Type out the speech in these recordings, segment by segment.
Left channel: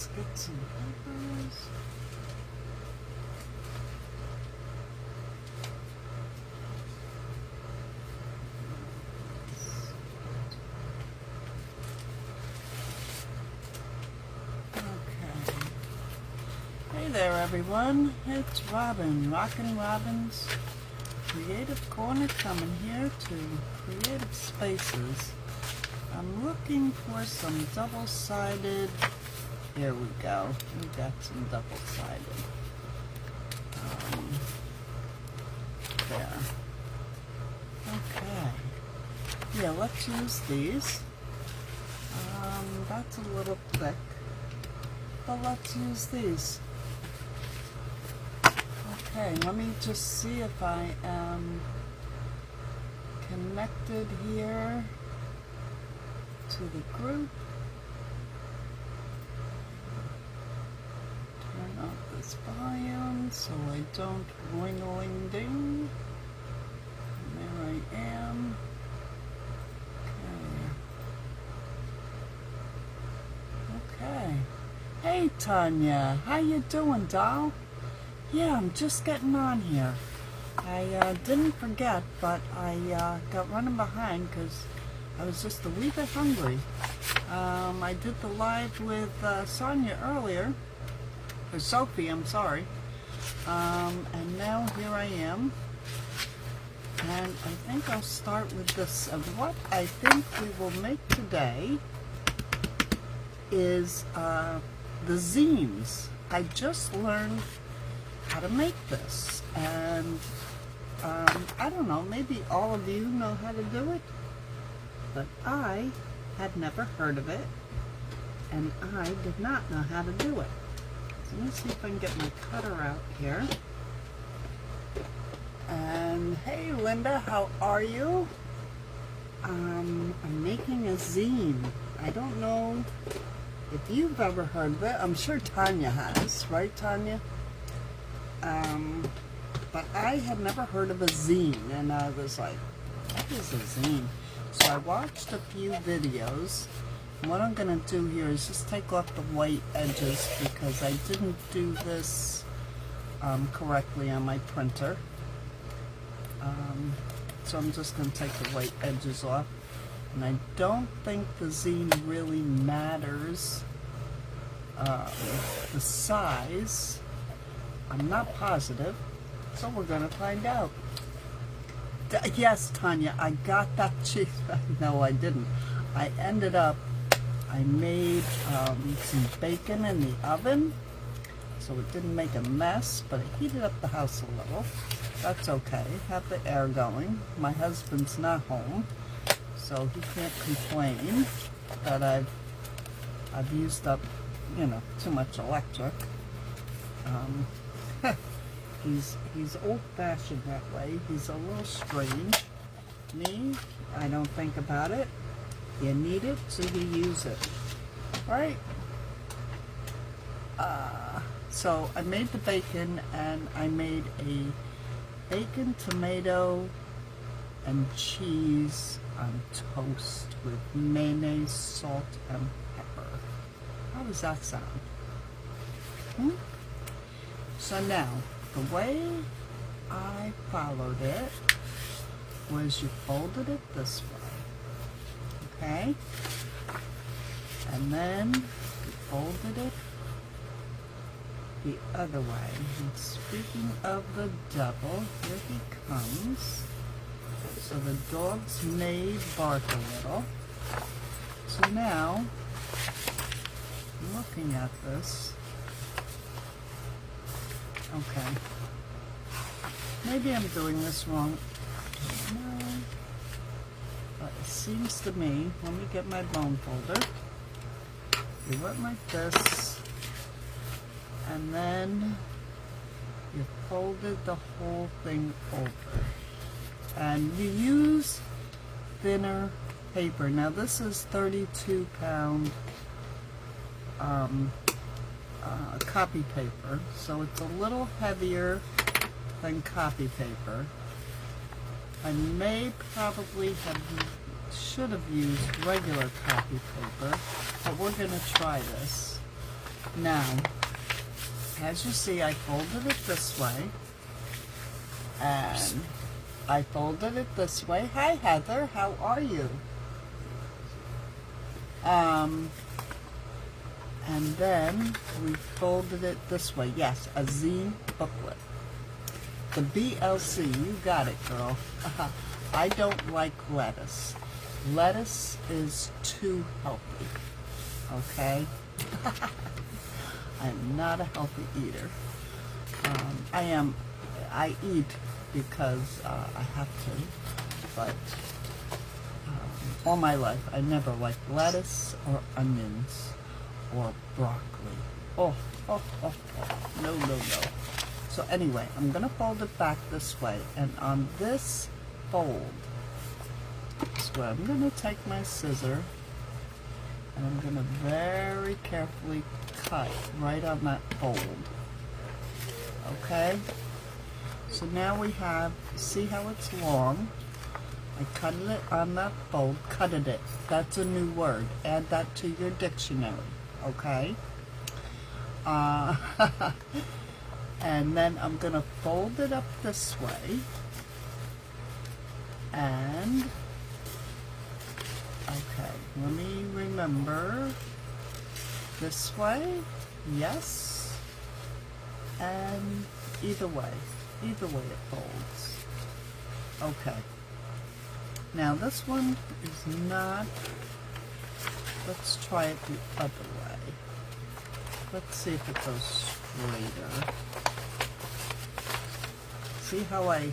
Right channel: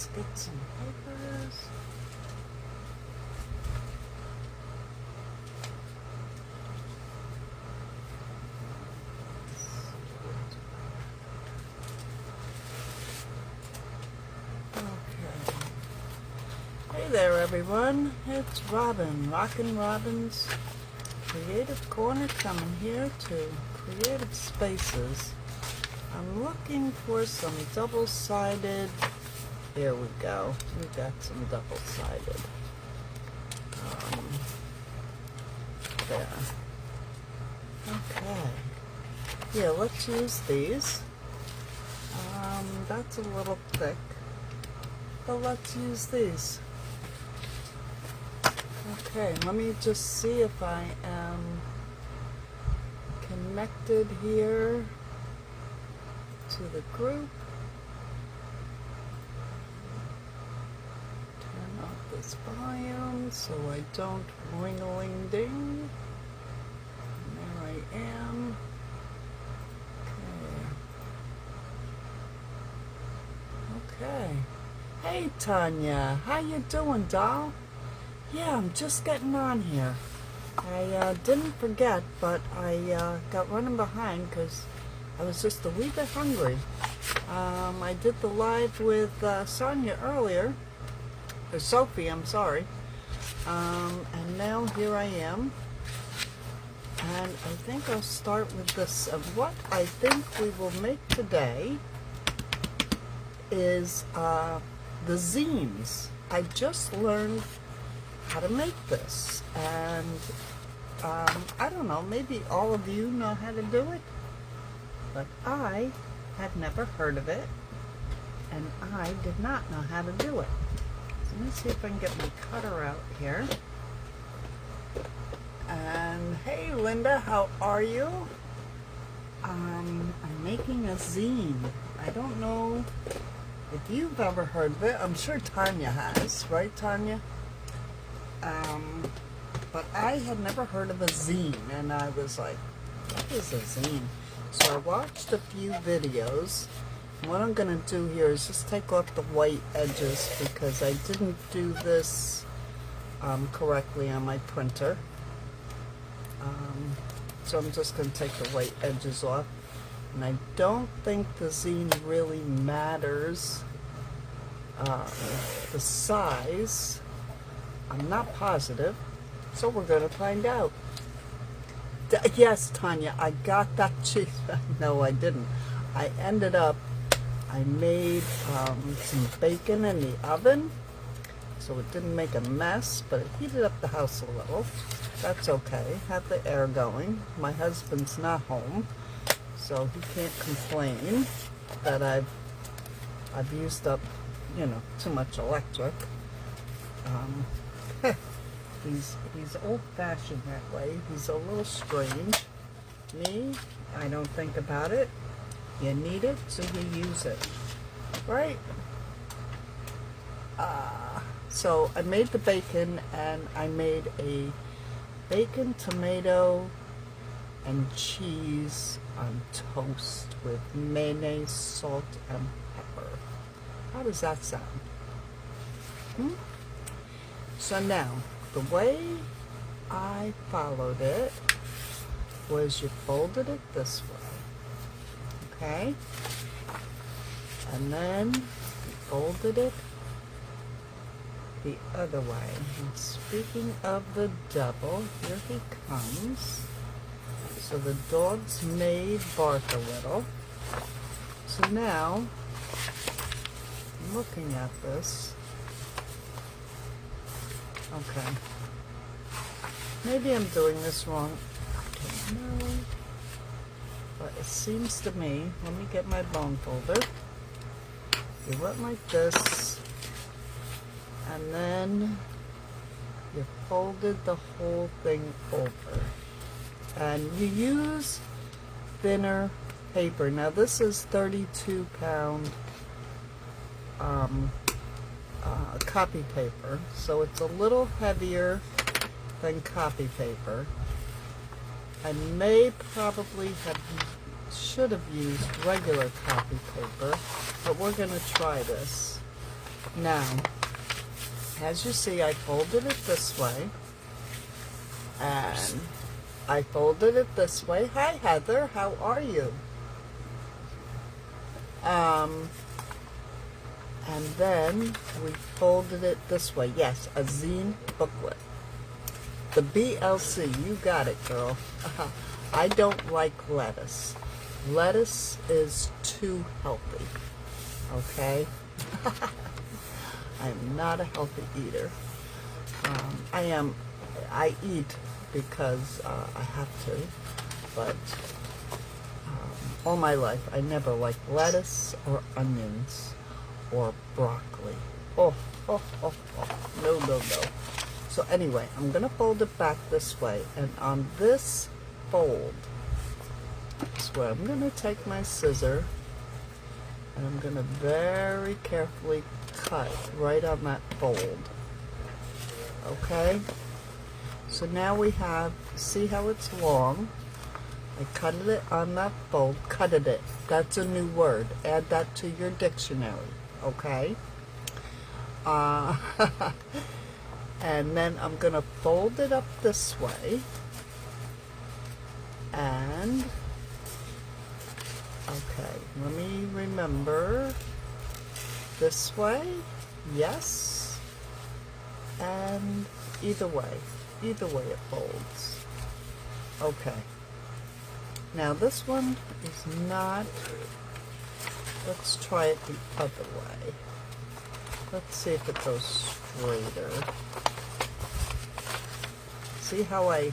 let's get some papers. Okay. Hey there, everyone. It's Robin, Rockin' Robin's Creative Corner, coming here to Creative Spaces. I'm looking for some double-sided. Here we go. We got some double-sided. There. Okay. Here, let's use these. That's a little thick, but let's use these. Okay, let me just see if I am connected here to the group. Turn up this volume so I don't ring-a-ling-ding. And there I am. Okay. Hey Tanya, how you doing, doll? Yeah, I'm just getting on here. I didn't forget, but I got running behind because I was just a wee bit hungry. I did the live with Sonia earlier, or Sophie, I'm sorry. And now here I am. And I think I'll start with this. What I think we will make today is the zines. I just learned how to make this, and I don't know, maybe all of you know how to do it, but I had never heard of it, and I did not know how to do it. So let me see if I can get my cutter out here. And hey Linda, how are you? I'm making a zine. I don't know if you've ever heard of it. I'm sure Tanya has, right Tanya? But I had never heard of a zine, and I was like, what is a zine? So I watched a few videos. What I'm going to do here is just take off the white edges because I didn't do this correctly on my printer. So I'm just going to take the white edges off. And I don't think the zine really matters the size. I'm not positive, so we're going to find out. Yes, Tanya, I got that cheese. No, I didn't. I ended up, I made some bacon in the oven, so it didn't make a mess, but it heated up the house a little. That's okay. Have the air going. My husband's not home, so he can't complain that I've used up, you know, too much electric. He's old-fashioned that way. He's a little strange. Me, I don't think about it. You need it, so you use it, right? So I made the bacon, and I made a bacon, tomato, and cheese toast with mayonnaise, salt, and pepper. How does that sound? So now, the way I followed it was you folded it this way, okay? And then you folded it the other way. And speaking of the double, here he comes. So the dogs may bark a little. So now, looking at this, okay, maybe I'm doing this wrong, I don't know, but it seems to me, let me get my bone folder, you went like this, and then you folded the whole thing over, and you use thinner paper. Now this is 32 pound copy paper, so it's a little heavier than copy paper. I may probably should have used regular copy paper, but we're going to try this. Now, as you see, I folded it this way, and I folded it this way. Hi, Heather, how are you? And then we folded it this way. Yes, a zine booklet. The BLC, you got it, girl. I don't like lettuce. Lettuce is too healthy, okay? I'm not a healthy eater. I eat because I have to, but all my life I never liked lettuce or onions or broccoli. Oh, no, no, no. So anyway, I'm going to fold it back this way, and on this fold, is where I'm going to take my scissor, and I'm going to very carefully cut right on that fold. Okay? So now we have, see how it's long? I cut it on that fold, cutted it. That's a new word. Add that to your dictionary, okay? And then I'm going to fold it up this way. And, okay, let me remember. This way, yes. And either way it folds. Okay. Now this one is not, let's try it the other way. Let's see if it goes straighter. See how I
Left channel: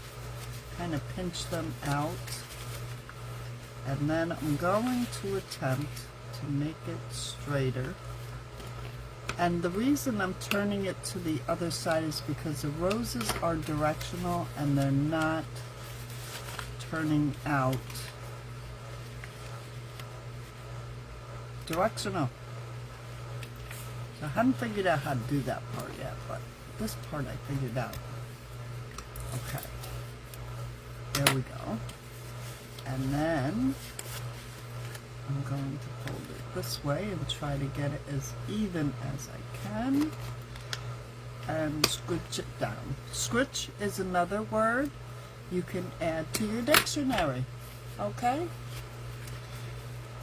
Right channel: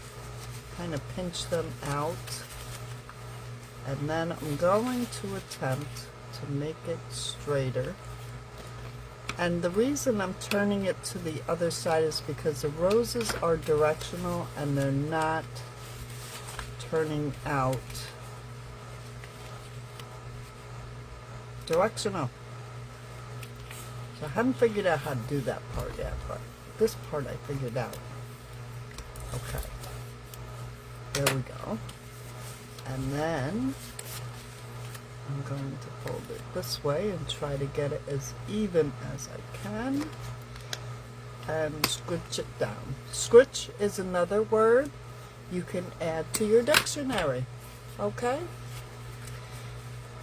kind of pinch them out? And then I'm going to attempt to make it straighter. And the reason I'm turning it to the other side is because the roses are directional and they're not turning out directional. So I haven't figured out how to do that part yet, but this part I figured out. Okay, there we go. And then I'm going to fold it this way and try to get it as even as I can and scritch it down. Scritch is another word you can add to your dictionary, okay?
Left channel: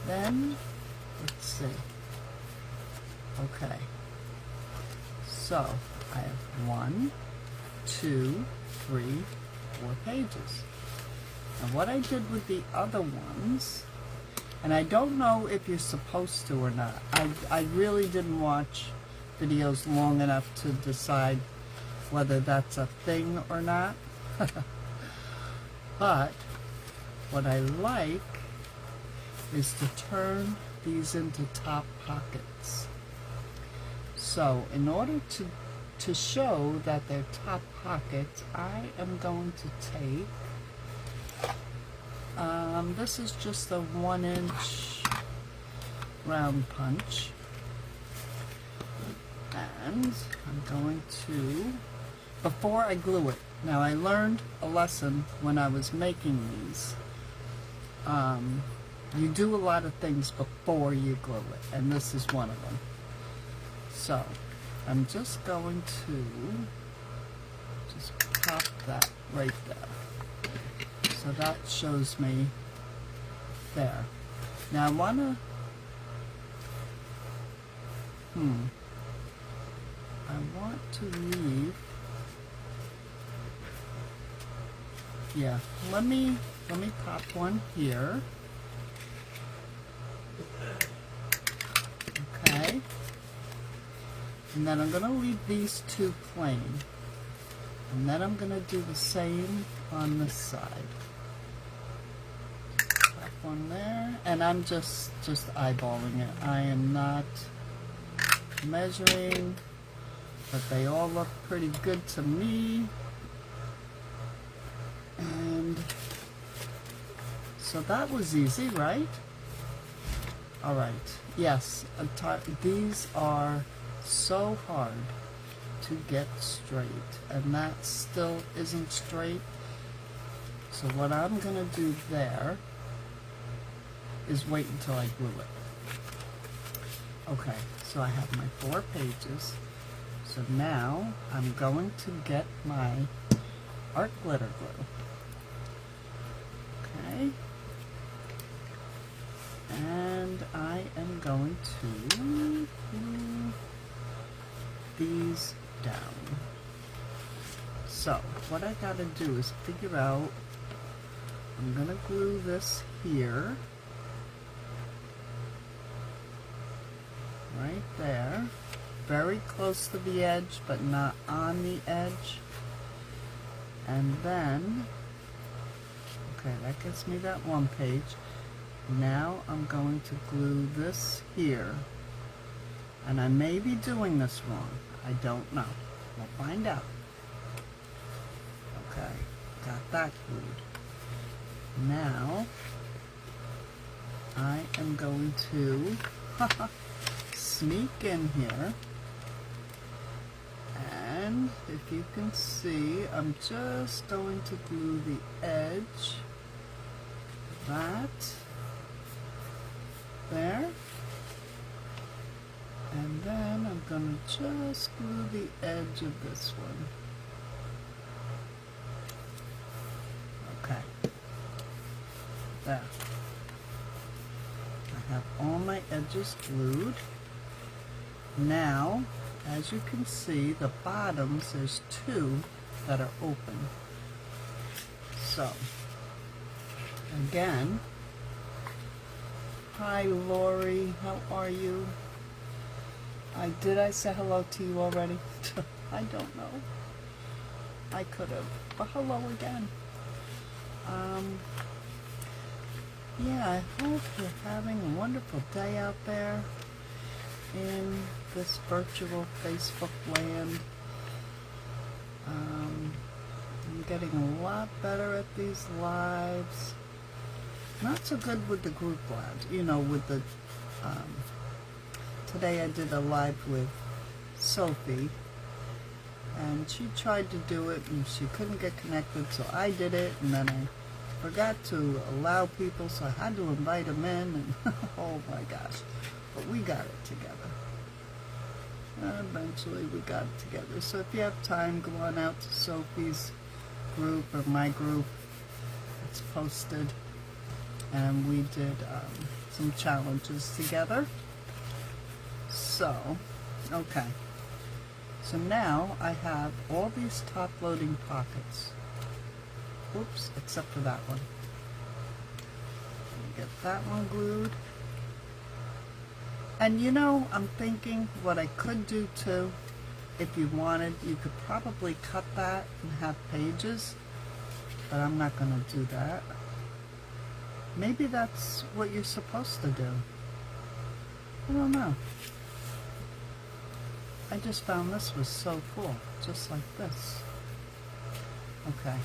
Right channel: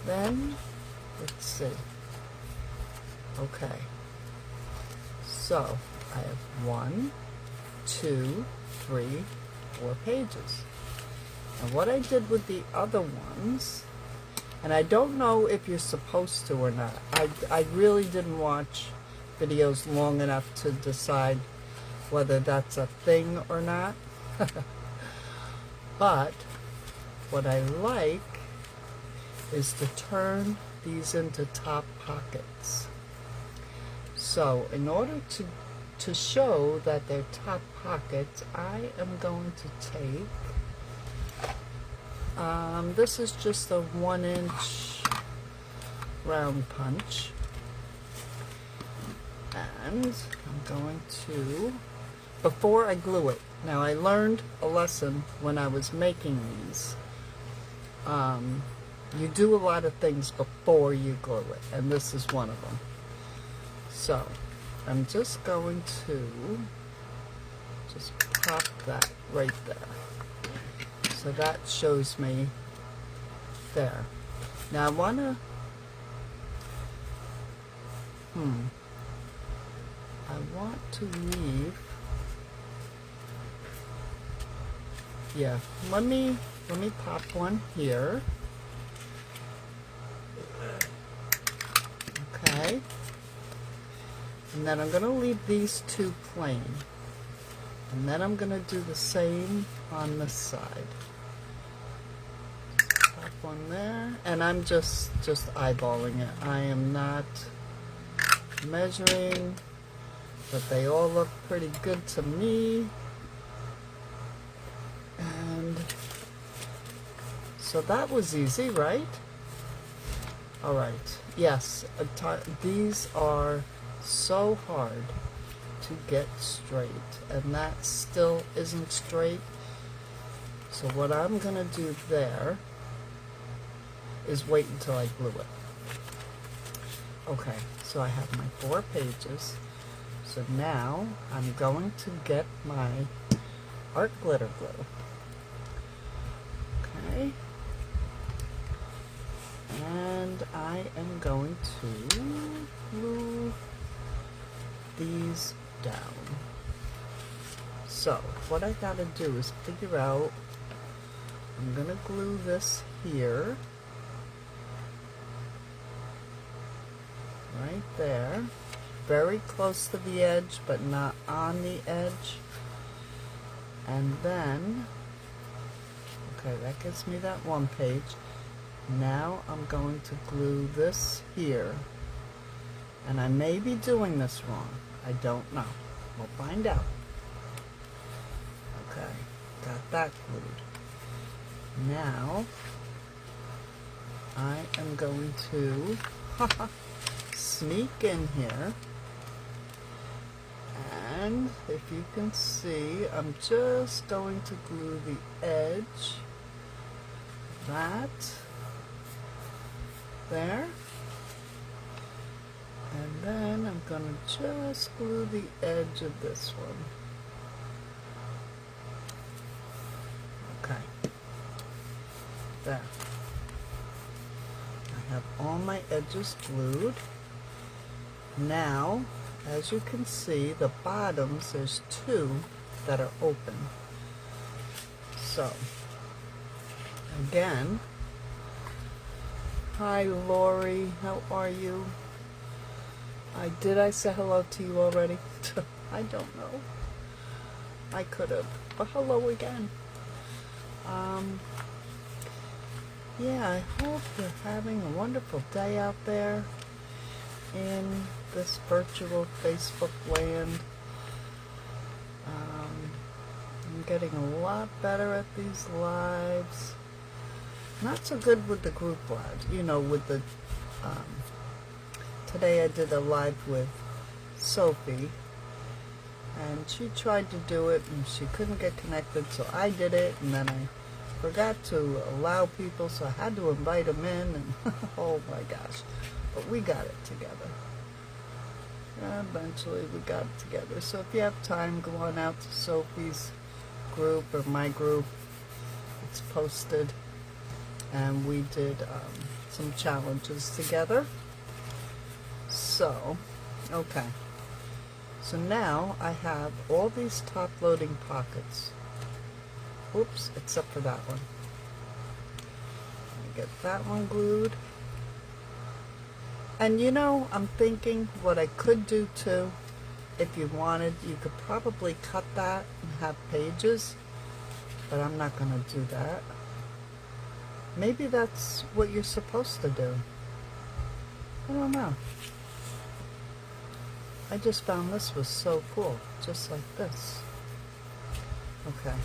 Then, let's see. Okay, so I have 1, 2, 3, 4 pages. And what I did with the other ones, and I don't know if you're supposed to or not. I really didn't watch videos long enough to decide whether that's a thing or not. But what I like is to turn these into top pockets. So in order to show that they're top pockets, I am going to take, this is just a 1-inch round punch, and I'm going to, before I glue it, now I learned a lesson when I was making these. You do a lot of things before you glue it, and this is one of them. So I'm just going to just pop that right there. So that shows me there. Now I want to, I want to leave, yeah, let me pop one here. Okay. And then I'm going to leave these two plain. And then I'm going to do the same on this side. Pop one there. And I'm just eyeballing it. I am not measuring, but they all look pretty good to me. And so that was easy, right? All right. Yes, these are so hard to get straight, and that still isn't straight. So what I'm going to do there is wait until I glue it. Okay, so I have my 4 pages. So now I'm going to get my art glitter glue. Okay. And I am going to glue these down. So what I gotta do is figure out, I'm gonna glue this here, right there, very close to the edge but not on the edge. And then, okay, that gives me that 1 page. Now I'm going to glue this here, and I may be doing this wrong, I don't know, we'll find out. Okay, got that glued. Now I am going to sneak in here, and if you can see, I'm just going to glue the edge, that, there, and then I'm going to just glue the edge of this one. Okay, there. I have all my edges glued. Now, as you can see, the bottoms, there's 2 that are open. So, again, hi Lori, how are you? Did I say hello to you already? I don't know. I could have, but hello again. Yeah, I hope you're having a wonderful day out there in this virtual Facebook land. I'm getting a lot better at these lives. Not so good with the group lives, you know, with the, today I did a live with Sophie, and she tried to do it and she couldn't get connected, so I did it, and then I forgot to allow people, so I had to invite them in, and oh my gosh, but we got it together. Eventually we got it together. So if you have time, go on out to Sophie's group or my group. It's posted, and we did some challenges together. So, okay. So now I have all these top loading pockets. Oops, except for that one. Get that one glued. And you know, I'm thinking what I could do too, if you wanted, you could probably cut that and have pages, but I'm not going to do that. Maybe that's what you're supposed to do. I don't know. I just found this was so cool, just like this. Okay.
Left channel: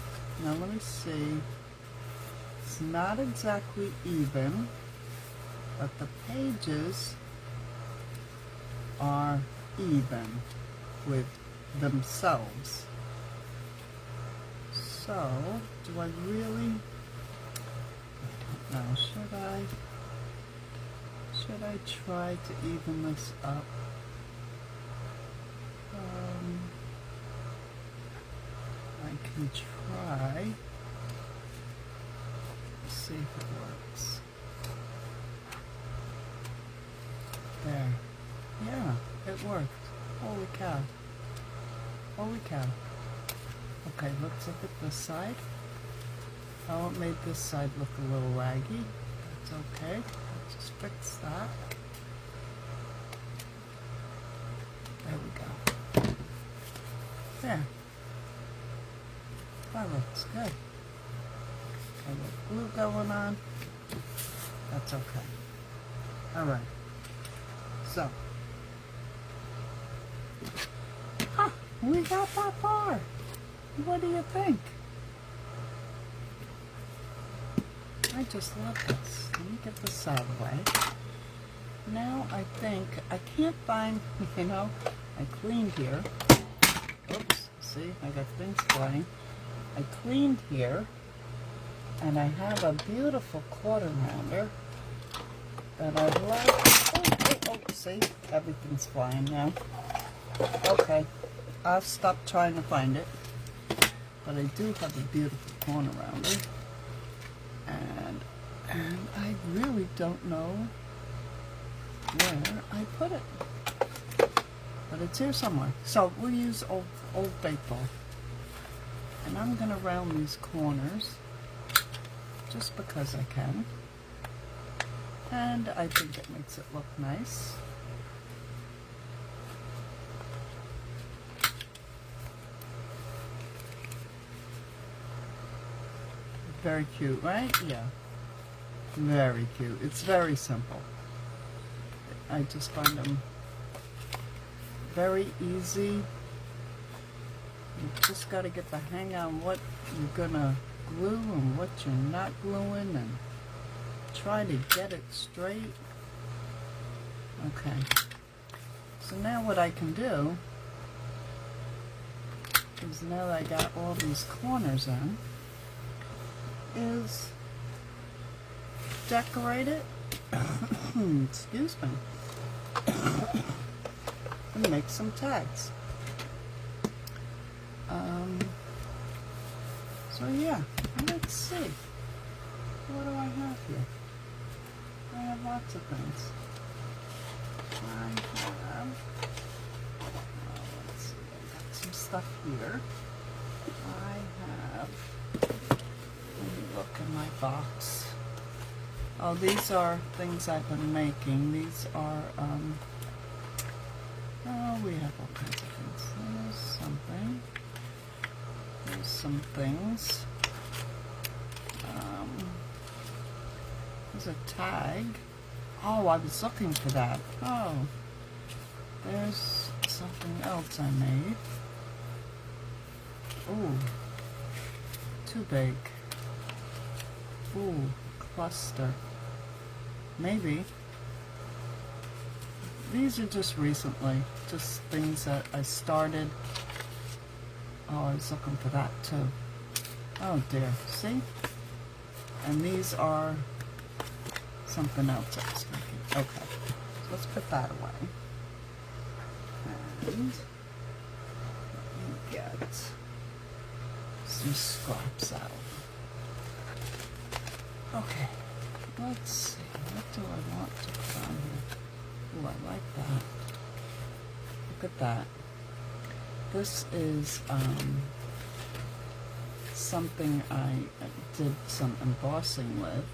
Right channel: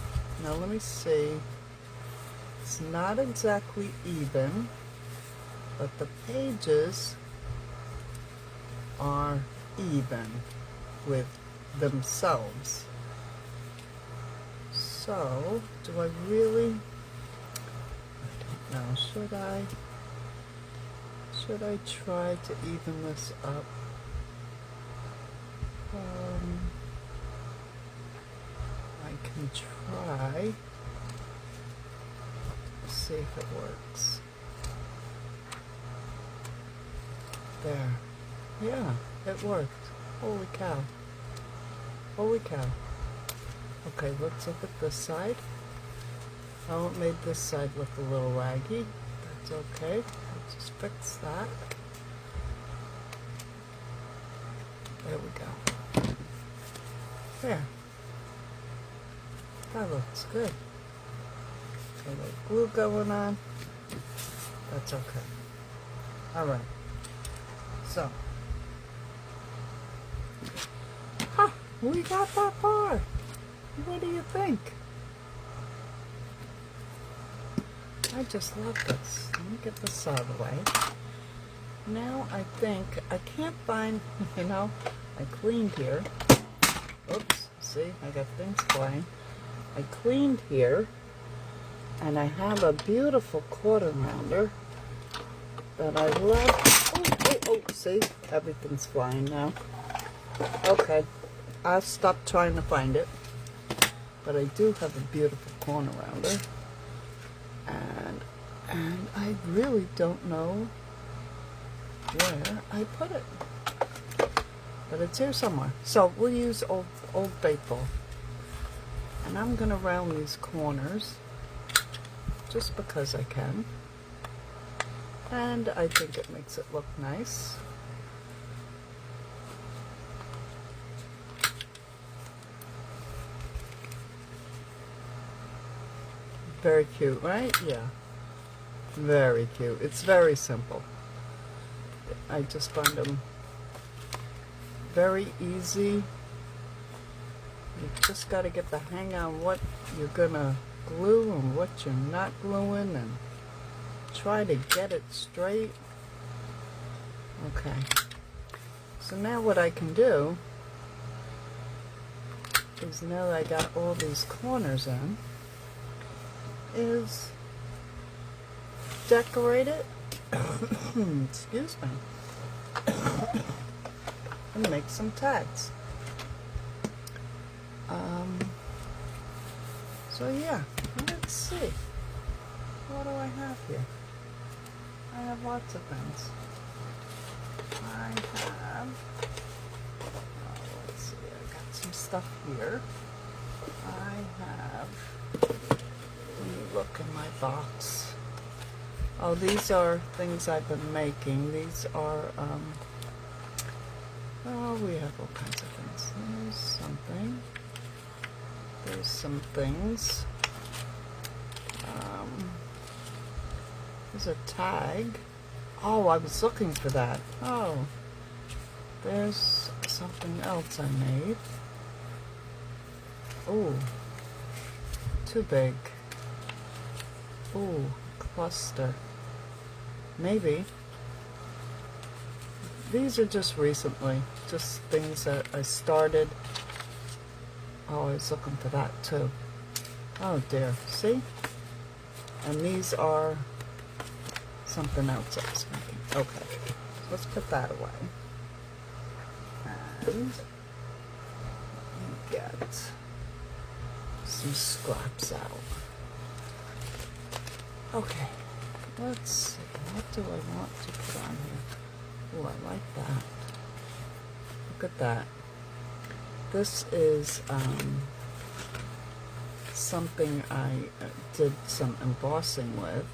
Now let me see, it's not exactly even, but the pages are even with themselves. So, do I really, I don't know, should I try to even this up? I can try. See if it works. There. Yeah, it worked. Holy cow. Holy cow. Okay, let's look at this side. Oh, it made this side look a little raggy. That's okay. Let's just fix that. There we go. There. That looks good. A little glue going on. That's okay. Alright. So. Ha! We got that far. What do you think? I just love this. Let me get this out of the way. Now I think, I can't find, you know, I cleaned here. Oops, see, I got things flying. I cleaned here, and I have a beautiful quarter rounder that I love. Oh, see? Everything's flying now. Okay. I'll stop trying to find it. But I do have a beautiful corner around it. And I really don't know where I put it. But it's here somewhere. So we'll use Old Faithful. And I'm going to round these corners just because I can. And I think it makes it look nice. Very cute, right? Yeah. Very cute. It's very simple. I just find them very easy. You just got to get the hang on what you're going to glue and what you're not gluing and try to get it straight. Okay. So now what I can do is, now that I got all these corners in, is decorate it. Excuse me. And make some tags. So yeah, let's see. What do I have here? I have lots of things. I have, let's see, I got some stuff here. I have, let me look in my box. Oh, these are things I've been making. These are, oh, we have all kinds of things. There's something. There's some things. There's a tag. Oh, I was looking for that. Oh, there's something else I made. Oh, too big. Oh, cluster. Maybe. These are just recently, just things that I started. Oh, I was looking for that too. Oh dear, see? And these are something else I was making. Okay, let's put that away. And get some scraps out. Okay, let's see. What do I want to put on here? Oh, I like that. Look at that. This is something I did some embossing with.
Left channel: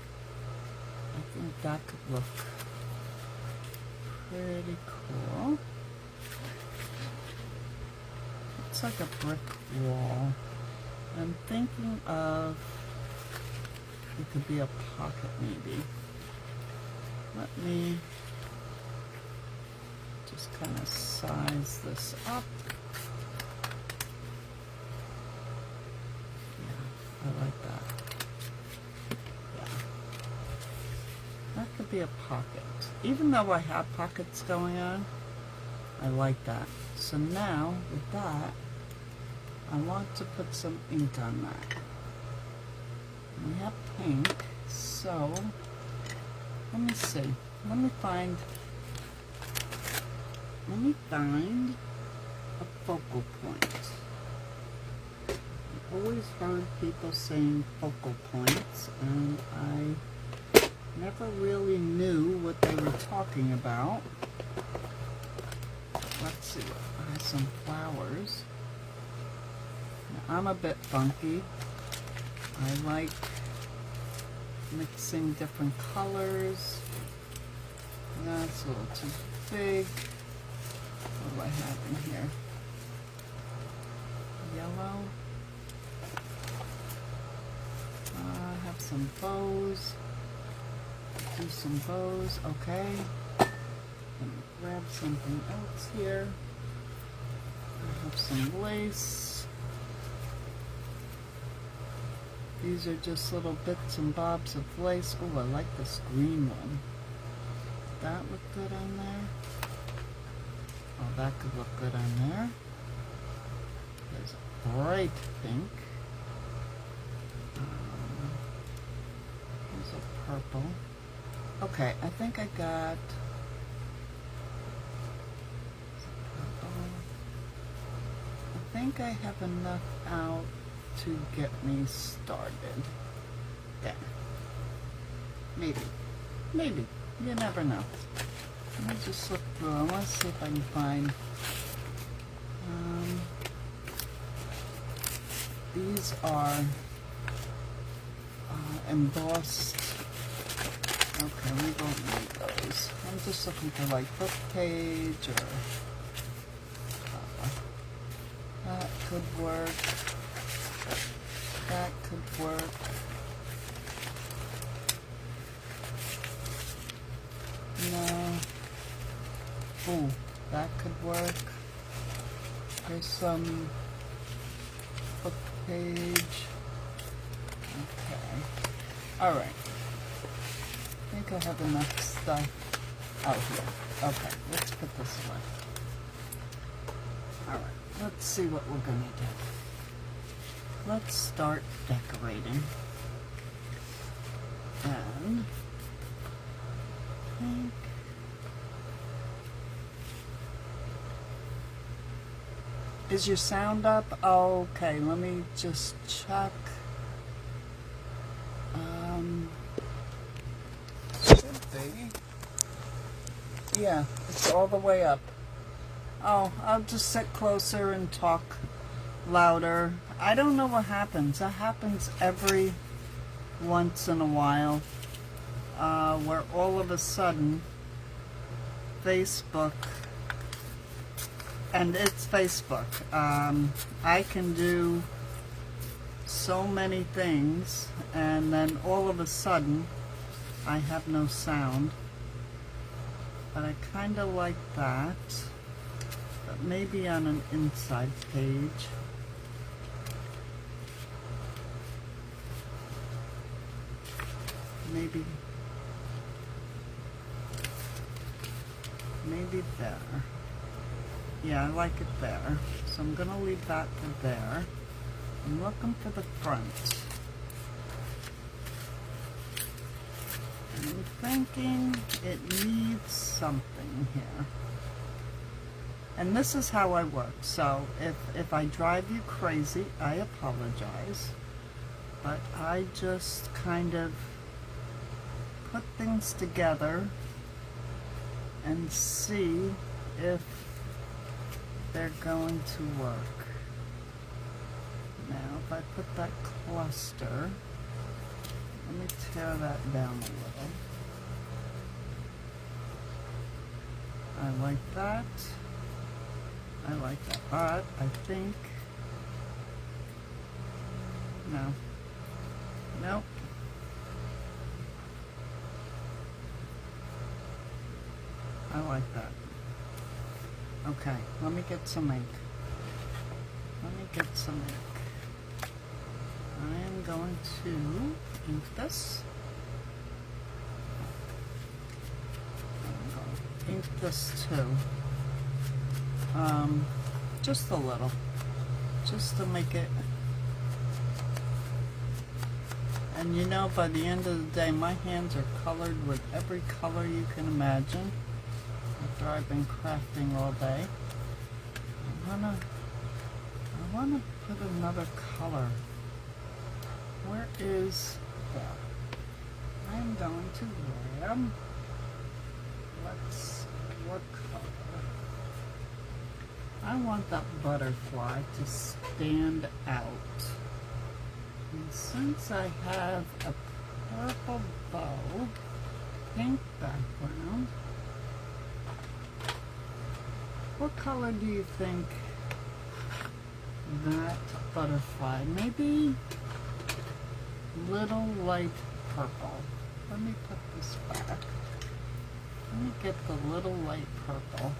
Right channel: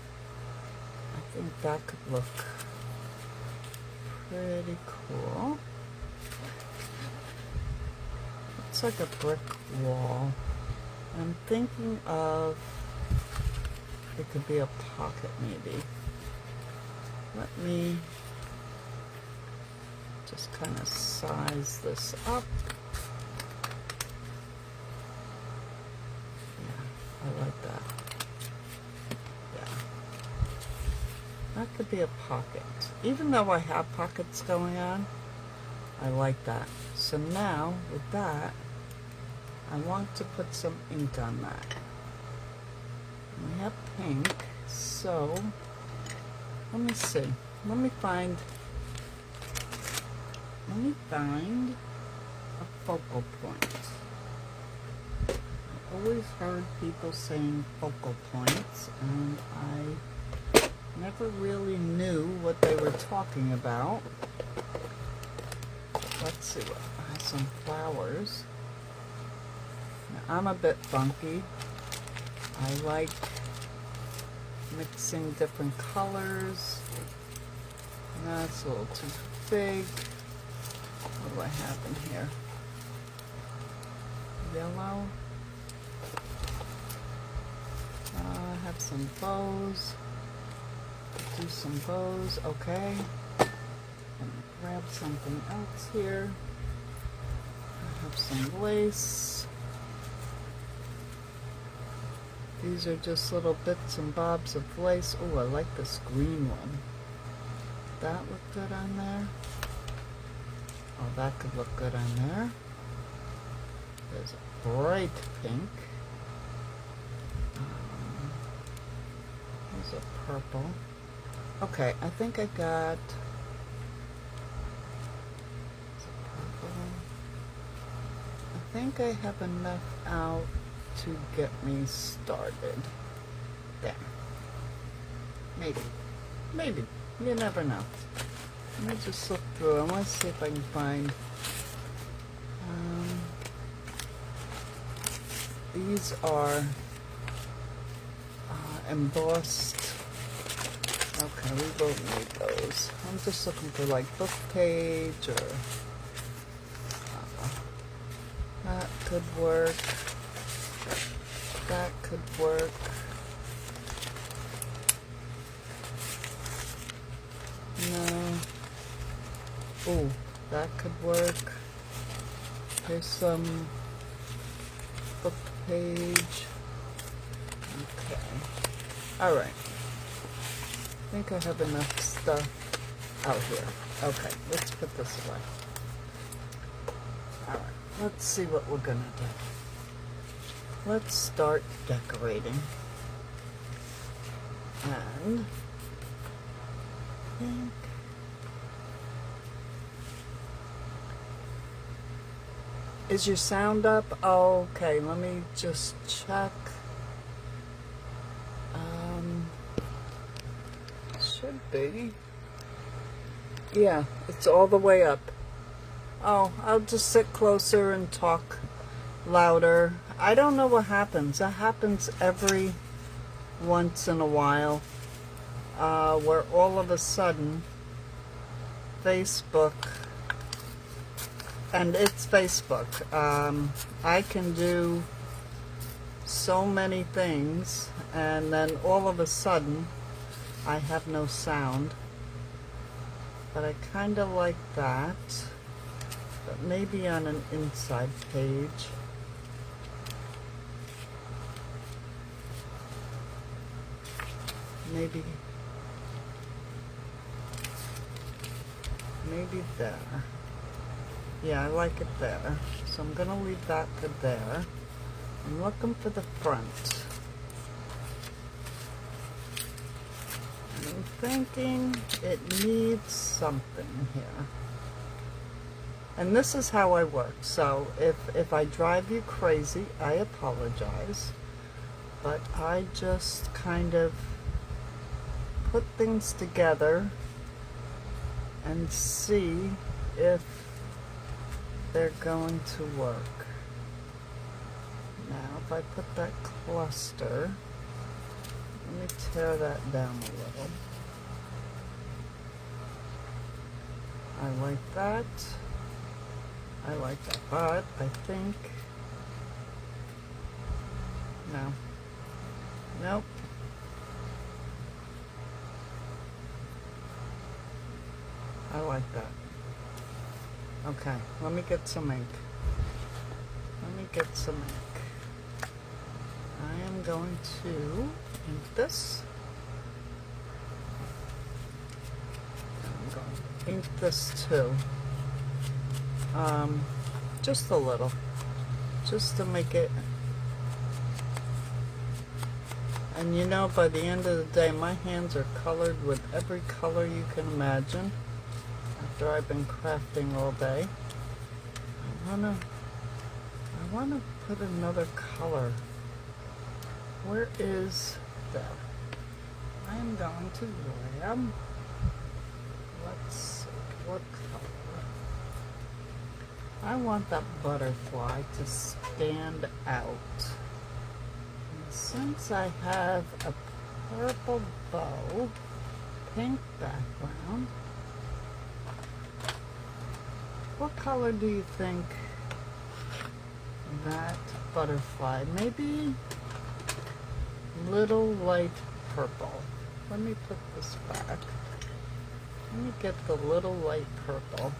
I think that could look pretty cool. It's like a brick wall. I'm thinking of, it could be a pocket maybe. Let me just kind of size this up. Yeah, I like that. Yeah. That could be a pocket. Even though I have pockets going on, I like that. So now, with that, I want to put some ink on that. We have pink, so let me see. Let me find a focal point. I always heard people saying focal points, and I never really knew what they were talking about. Let's see. I have some flowers. Now, I'm a bit funky. I like mixing different colors. That's a little too big. What do I have in here? Yellow. I have some bows. Do some bows. Okay. I'm gonna grab something else here. I have some lace. These are just little bits and bobs of lace. Oh, I like this green one. That look good on there. Oh, that could look good on there. There's a bright pink. There's a purple. Okay, I think I got think I have enough out to get me started. There. Maybe. Maybe. You never know. Let me just look through. I want to see if I can find. These are embossed. Okay, we don't need those. I'm just looking for like book page or that could work. That could work. No. Oh, that could work. There's some book page. Okay. Alright. I think I have enough stuff out here. Okay, let's put this away. Alright, let's see what we're gonna do. Let's start decorating. And I think is your sound up? Okay, let me just check. Should be. Yeah, it's all the way up. Oh, I'll just sit closer and talk louder. I don't know what happens. It happens every once in a while, where all of a sudden Facebook, and it's Facebook, I can do so many things and then all of a sudden I have no sound. But I kind of like that, but maybe on an inside page. Maybe there. Yeah, I like it there. So I'm going to leave that to there. I'm looking for the front. And I'm thinking it needs something here. And this is how I work. So if I drive you crazy, I apologize. But I just kind of put things together and see if they're going to work. Now, if I put that cluster, let me tear that down a little. I like that. I like that, but I think, no, nope. I like that. Okay, let me get some ink. Let me get some ink. I am going to ink this. I'm going to ink this too. Just a little. Just to make it. And you know, by the end of the day, my hands are colored with every color you can imagine. After I've been crafting all day, I wanna put another color. Where is that? I am going to grab. Let's see, what color? I want that butterfly to stand out. And since I have a purple bow, pink background, what color do you think that butterfly? Maybe little light purple. Let me put this back. Let me get the little light purple.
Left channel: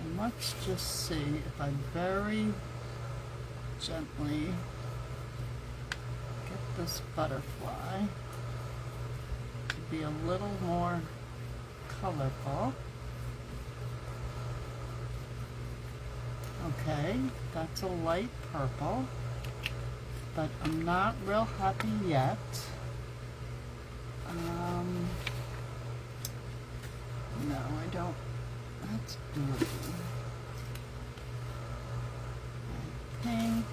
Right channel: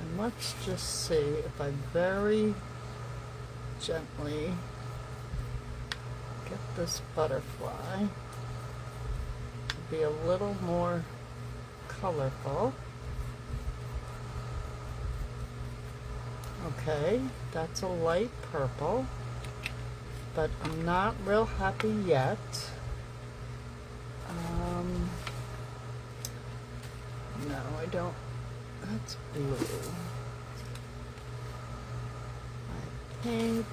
And let's just see if I very gently get this butterfly to be a little more colorful. Okay, that's a light purple, but I'm not real happy yet. No, I don't. That's blue. think,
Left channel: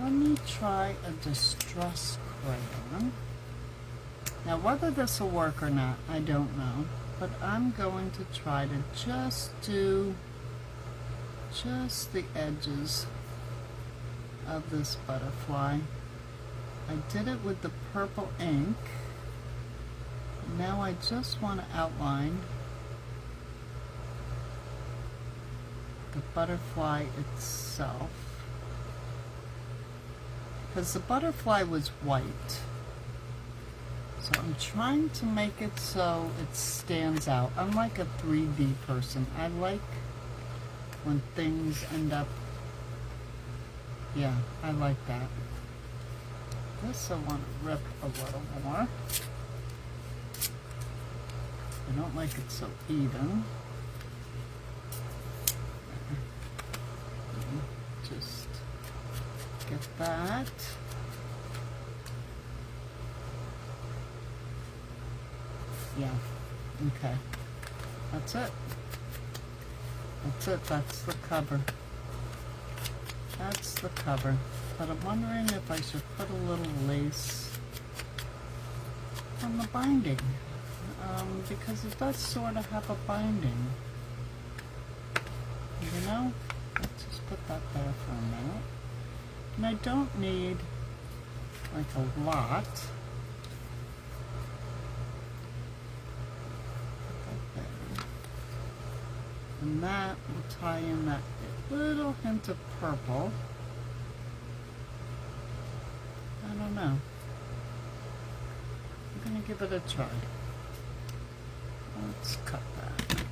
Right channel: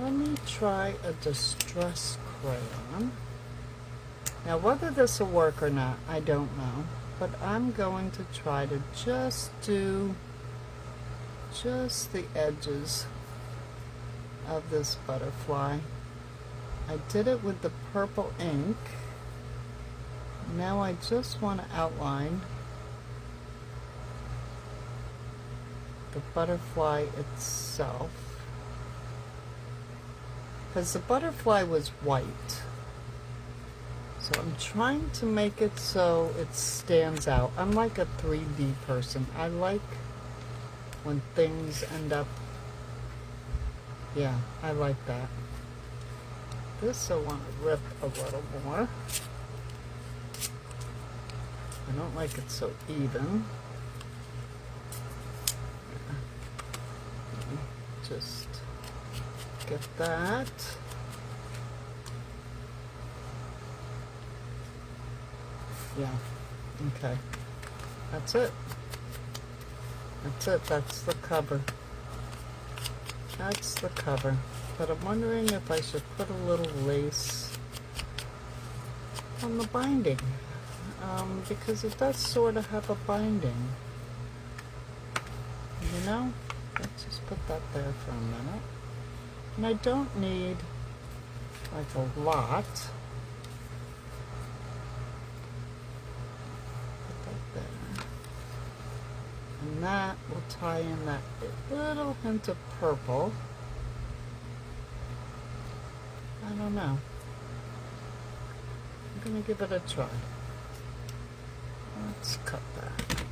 let me try a distress crayon. Now whether this will work or not, I don't know, but I'm going to try to just do just the edges of this butterfly. I did it with the purple ink. Now I just want to outline the butterfly itself, because the butterfly was white. So I'm trying to make it so it stands out. I'm like a 3D person. I like when things end up, yeah, I like that. This I want to rip a little more. I don't like it so even. Just get that. Yeah, okay. That's it. That's it. That's the cover. That's the cover. But I'm wondering if I should put a little lace on the binding. Because it does sort of have a binding. You know? Let's just put that there for a minute. And I don't need like a lot. Put that there. And that will tie in that little hint of purple. I don't know. I'm going to give it a try. Let's cut that.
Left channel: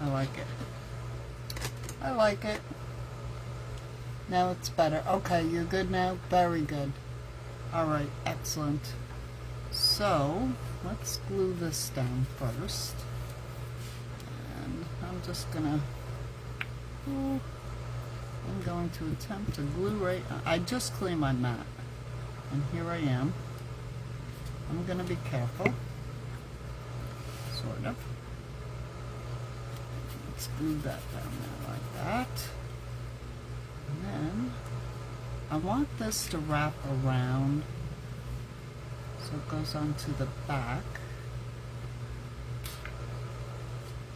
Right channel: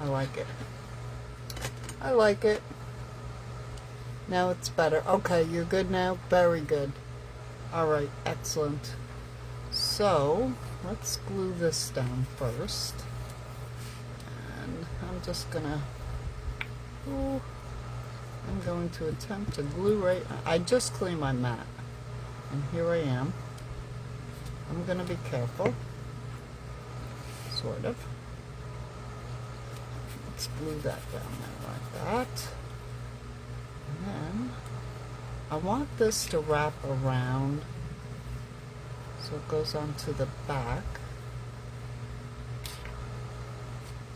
I like it. I like it. Now it's better. Okay, you're good now? Very good. Alright, excellent. So, let's glue this down first. And I'm just gonna, I'm going to attempt to glue right, I just cleaned my mat. And here I am. I'm gonna be careful. Sort of. Let's glue that down there like that. And then I want this to wrap around so it goes onto the back.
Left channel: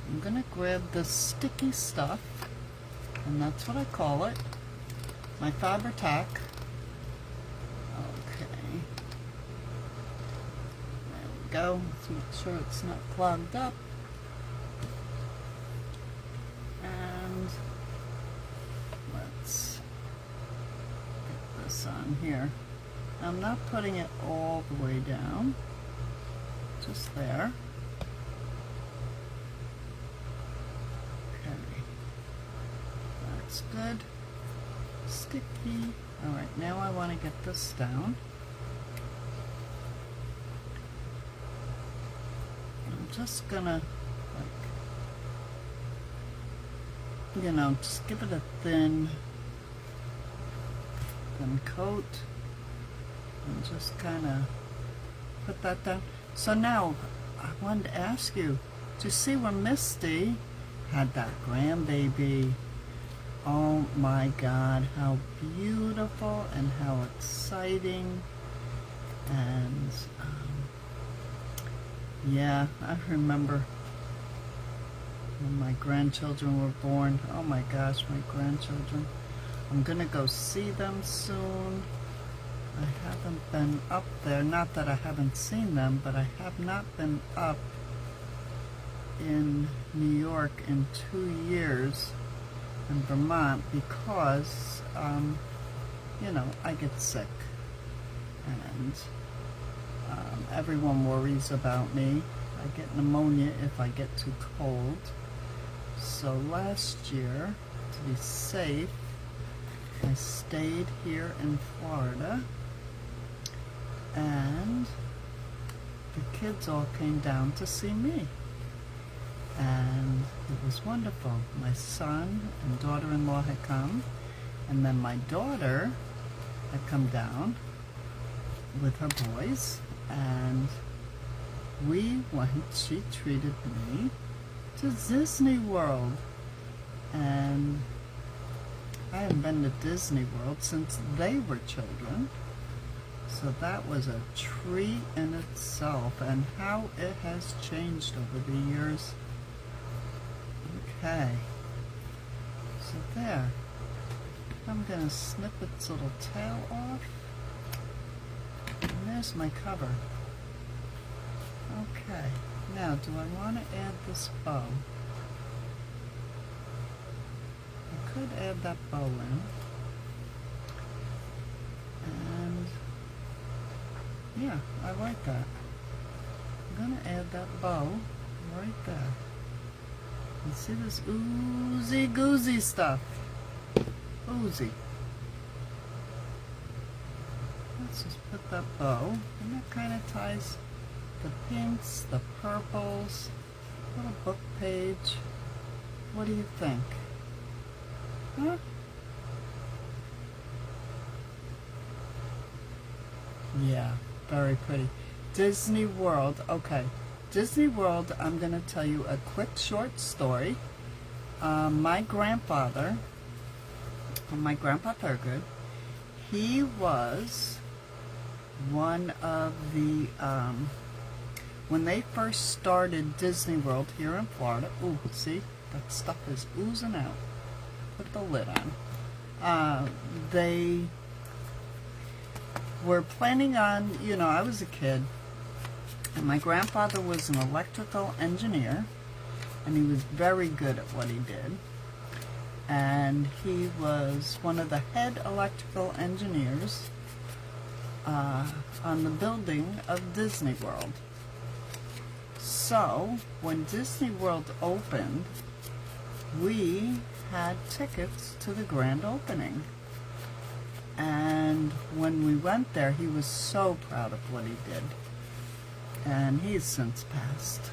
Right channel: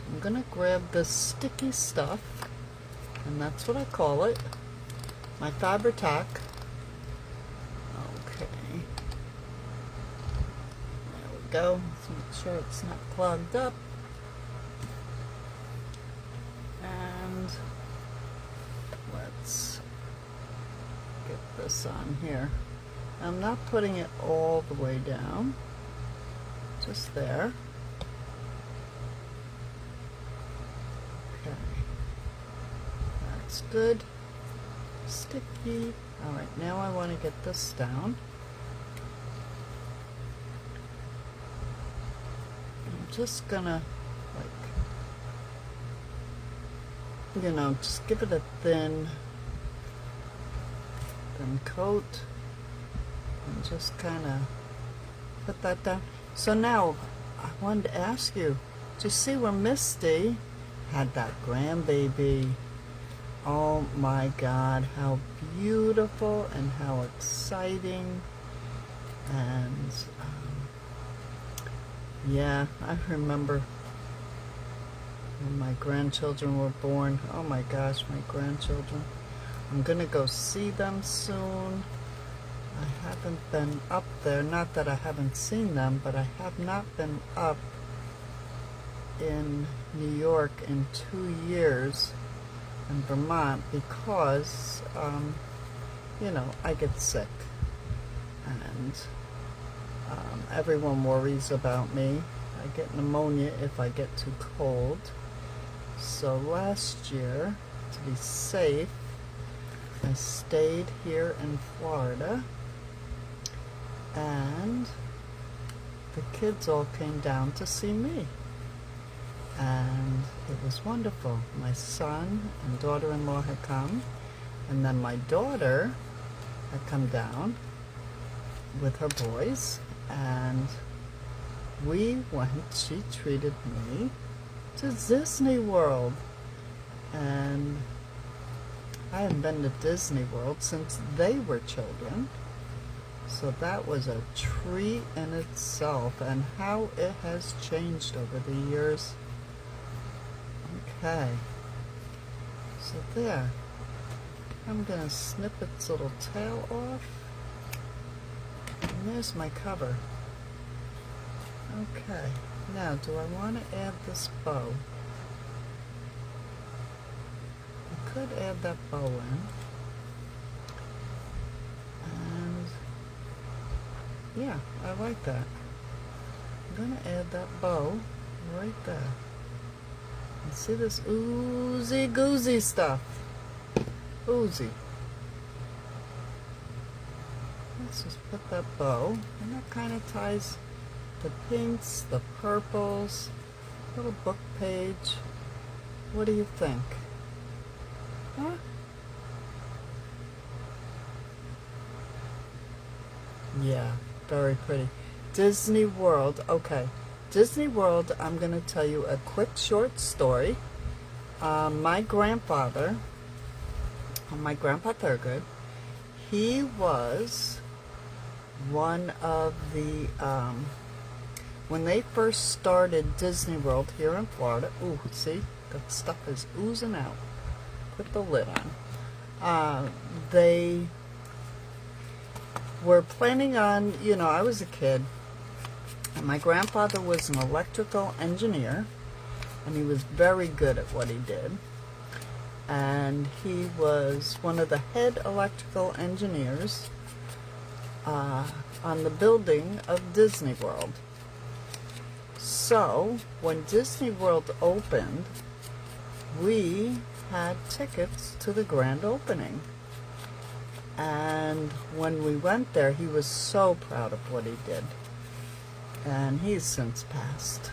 I'm going to grab this sticky stuff, and that's what I call it, my Faber-Tac. Okay. There we go. Let's make sure it's not clogged up. This on here. I'm not putting it all the way down, just there. Okay, that's good. Sticky. All right, now I want to get this down. I'm just gonna, like, you know, just give it a thin coat and just kind of put that down. So now I wanted to ask you to see when Misty had that grandbaby. Oh my God, how beautiful and how exciting. And yeah, I remember when my grandchildren were born. Oh my gosh, my grandchildren. I'm gonna go see them soon. I haven't been up there, not that I haven't seen them, but I have not been up in New York in 2 years in Vermont because, you know, I get sick and everyone worries about me. I get pneumonia if I get too cold. So last year, to be safe, I stayed here in Florida, and the kids all came down to see me, and it was wonderful. My son and daughter-in-law had come, and then my daughter had come down with her boys, and she treated me to Disney World. And I haven't been to Disney World since they were children. So that was a treat in itself, and how it has changed over the years. Okay. So there. I'm going to snip its little tail off. And there's my cover. Okay. Now, do I want to add this bow? I could add that bow in. And yeah, I like that. I'm going to add that bow right there. And see this oozy goozy stuff. Oozy. Let's just put that bow, and that kind of ties the pinks, the purples, little book page. What do you think? Huh? Yeah, very pretty. Disney World. Okay. Disney World, I'm going to tell you a quick short story. My grandfather, my Grandpa Thurgood, he was one of the, when they first started Disney World here in Florida, ooh, see, that stuff is oozing out. Put the lid on. They were planning on, you know, I was a kid, and my grandfather was an electrical engineer, and he was very good at what he did. And he was one of the head electrical engineers on the building of Disney World. So, when Disney World opened, we had tickets to the grand opening. And when we went there, he was so proud of what he did. And he's since passed.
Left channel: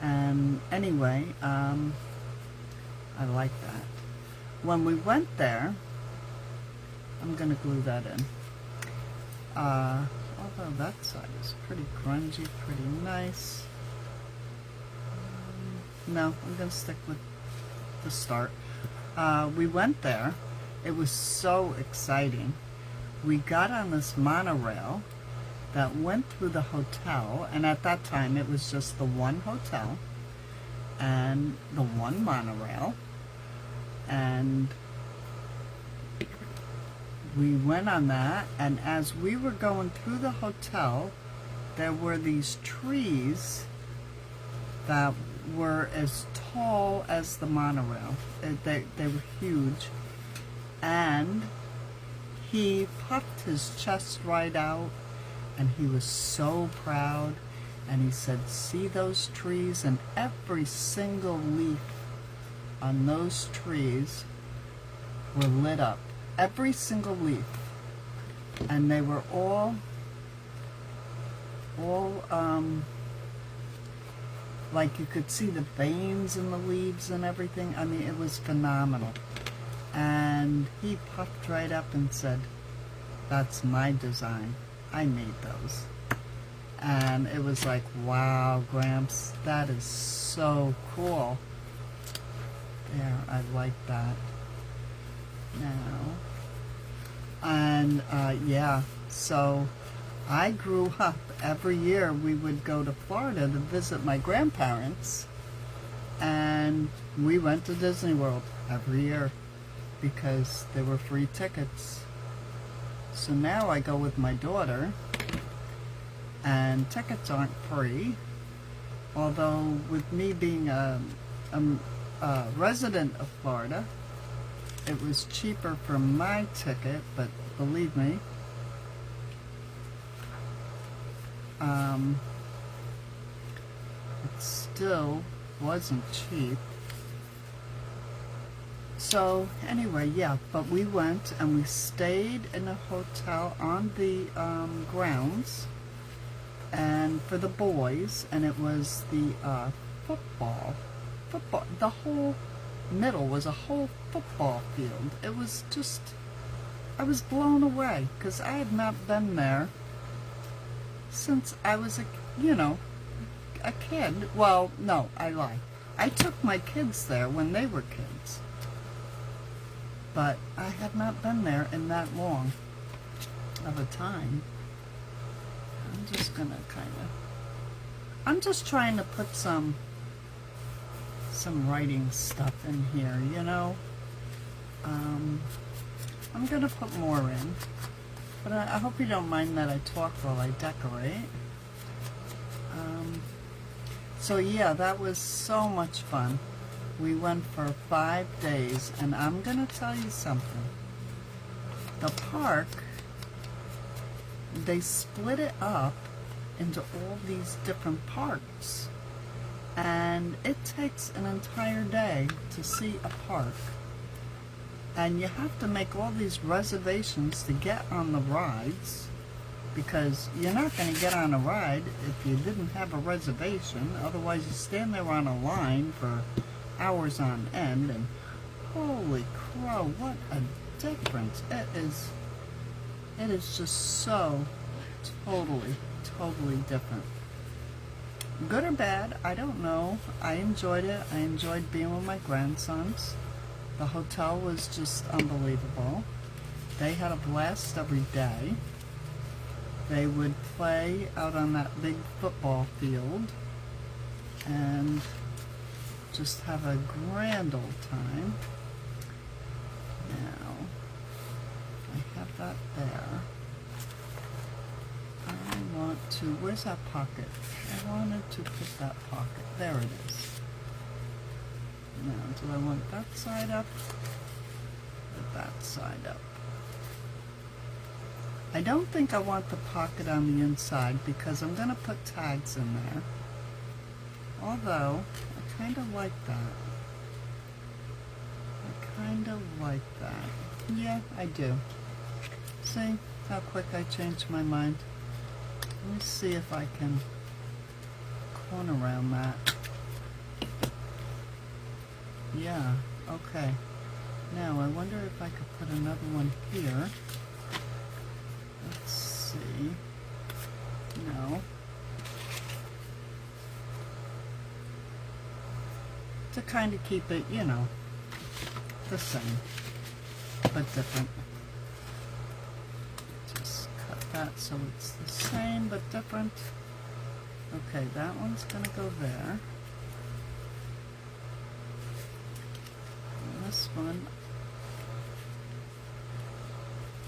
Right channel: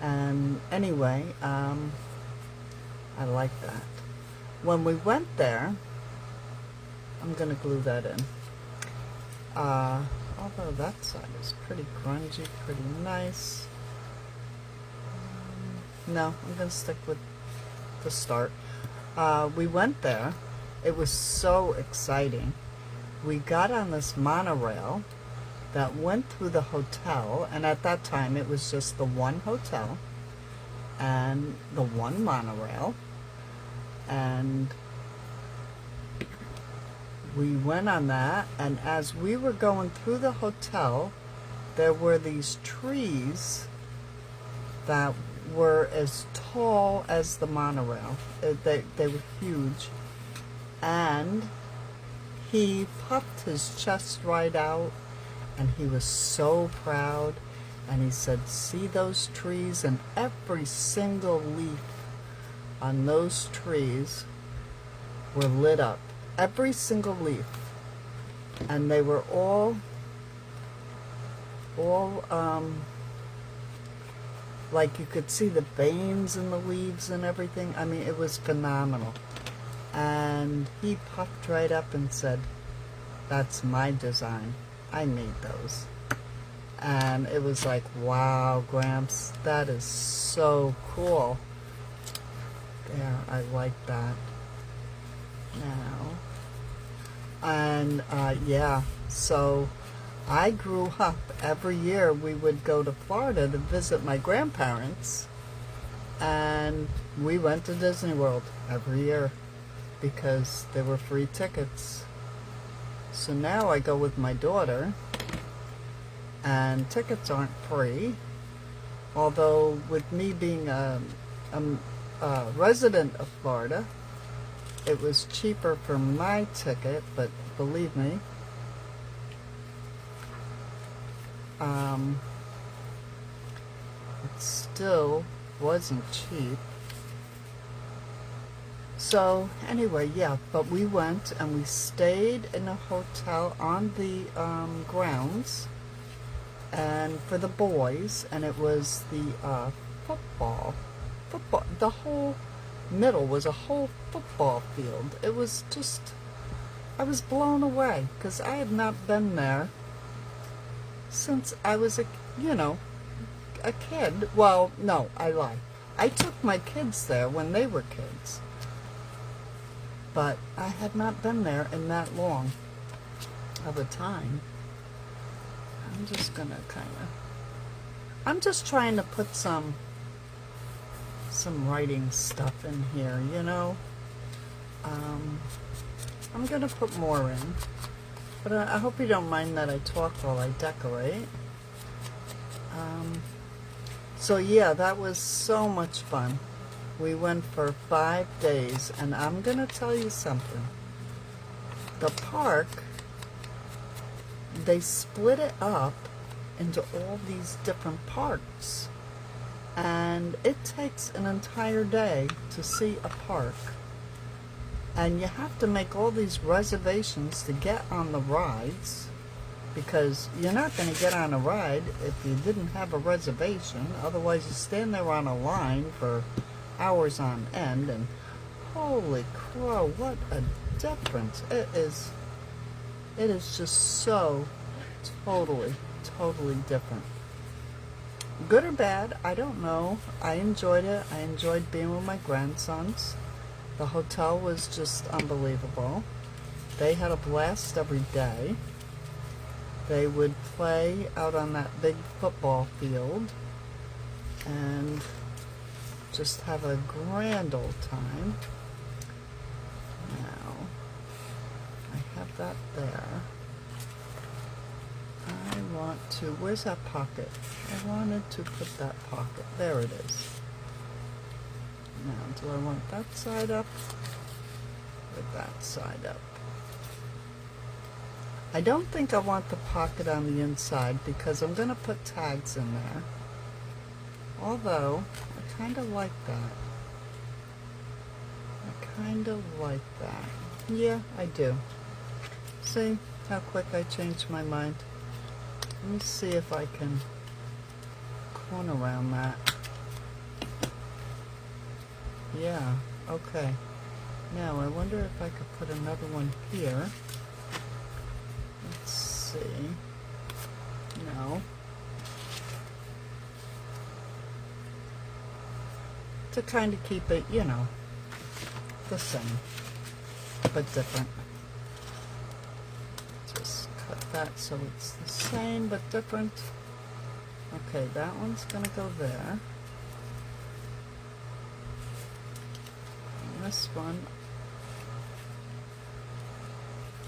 And anyway, I like that. When we went there, I'm going to glue that in. Although that side is pretty grungy, pretty nice. No, I'm going to stick with the start. We went there. It was so exciting. We got on this monorail that went through the hotel, and at that time it was just the one hotel and the one monorail, and we went on that, and as we were going through the hotel, there were these trees that were as tall as the monorail. They were huge, and he puffed his chest right out, and he was so proud, and he said, see those trees? And every single leaf on those trees were lit up. Every single leaf. And they were all like you could see the veins in the leaves and everything. I mean, it was phenomenal. And he puffed right up and said, that's my design. I made those. And it was like, wow, Gramps, that is so cool. There, I like that. Now, and yeah, so I grew up, every year we would go to Florida to visit my grandparents, and we went to Disney World every year because there were free tickets. So now I go with my daughter, and tickets aren't free, although with me being a resident of Florida, it was cheaper for my ticket, but believe me, it still wasn't cheap. So anyway, yeah, but we went and we stayed in a hotel on the grounds, and for the boys, and it was the football, the whole middle was a whole football field. It was just, I was blown away because I had not been there since I was a kid. Well, no, I lie. I took my kids there when they were kids, but I have not been there in that long of a time. I'm just gonna I'm just trying to put some writing stuff in here, I'm gonna put more in, but I hope you don't mind that I talk while I decorate. So yeah, that was so much fun. We went for 5 days, and I'm gonna tell you something. The park, they split it up into all these different parts, and it takes an entire day to see a park, and you have to make all these reservations to get on the rides, because you're not going to get on a ride if you didn't have a reservation. Otherwise you stand there on a line for hours on end, and holy crow, what a difference. It is just so totally different. Good or bad, I don't know. I enjoyed it. I enjoyed being with my grandsons. The hotel was just unbelievable. They had a blast every day. They would play out on that big football field and just have a grand old time. Now, I have that there. I want to, where's that pocket? I wanted to put that pocket. There it is. Now, do I want that side up or that side up? I don't think I want the pocket on the inside because I'm going to put tags in there. Although, I kind of like that. Yeah, I do. See how quick I changed my mind? Let me see if I can corner around that. Yeah, okay. Now, I wonder if I could put another one here. Let's see. No. To kind of keep it, the same, but different. Just cut that so it's the same, but different. Okay, that one's going to go there. And this one,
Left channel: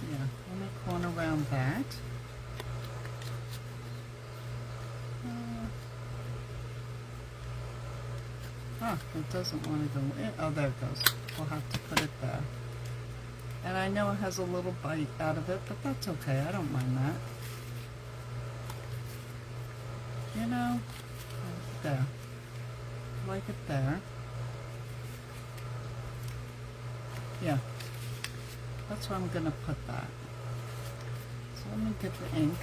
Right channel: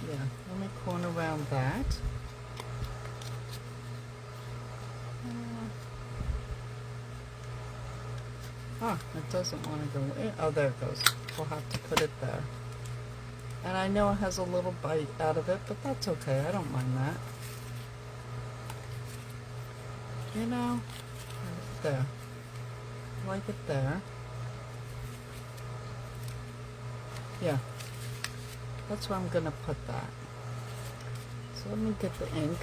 yeah, let me corner around that. Oh, it doesn't want to go in. Oh, there it goes. We'll have to put it there. And I know it has a little bite out of it, but that's okay. I don't mind that. There. I like it there. Yeah. That's where I'm going to put that. So let me get the ink.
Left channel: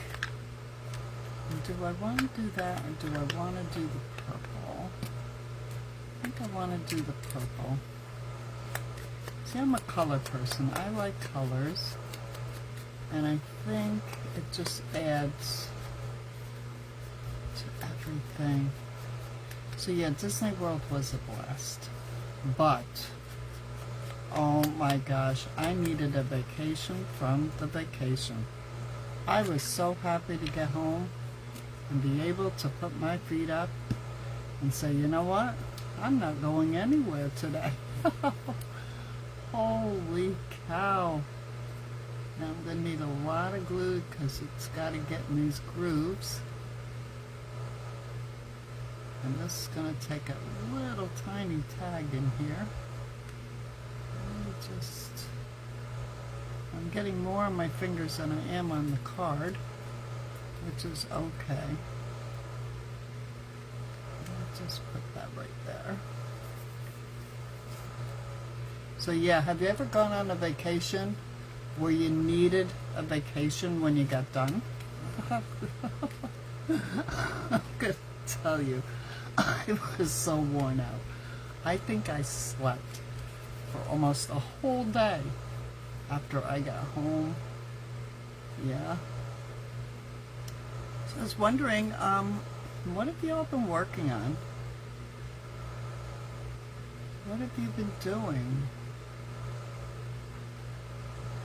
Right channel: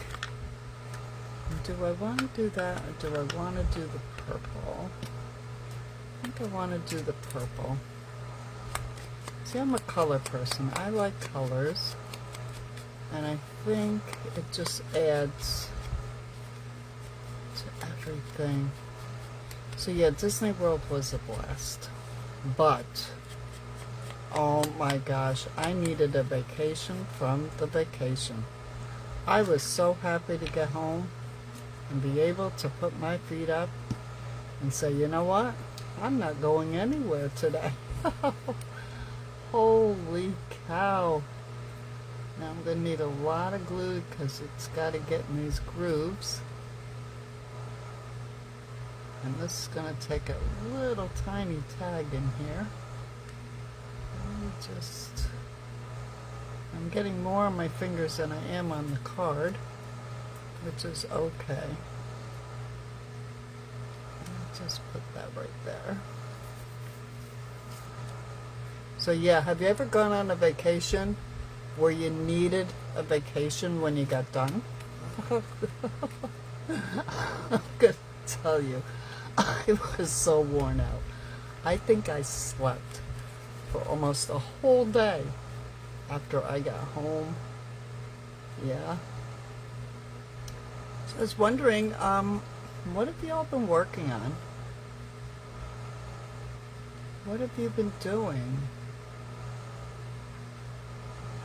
Do I want to do that, or do I want to do the purple? I think I want to do the purple. See, I'm a color person. I like colors. And I think it just adds to everything. So yeah, Disney World was a blast. But, oh my gosh, I needed a vacation from the vacation. I was so happy to get home and be able to put my feet up and say, you know what? I'm not going anywhere today. Holy cow. Now I'm going to need a lot of glue because it's got to get in these grooves. And this is going to take a little tiny tag in here. I'm getting more on my fingers than I am on the card, which is okay. Just put that right there. So yeah, have you ever gone on a vacation where you needed a vacation when you got done? I'm gonna tell you, I was so worn out. I think I slept for almost a whole day after I got home. Yeah. I was wondering, what have y'all been working on? What have you been doing?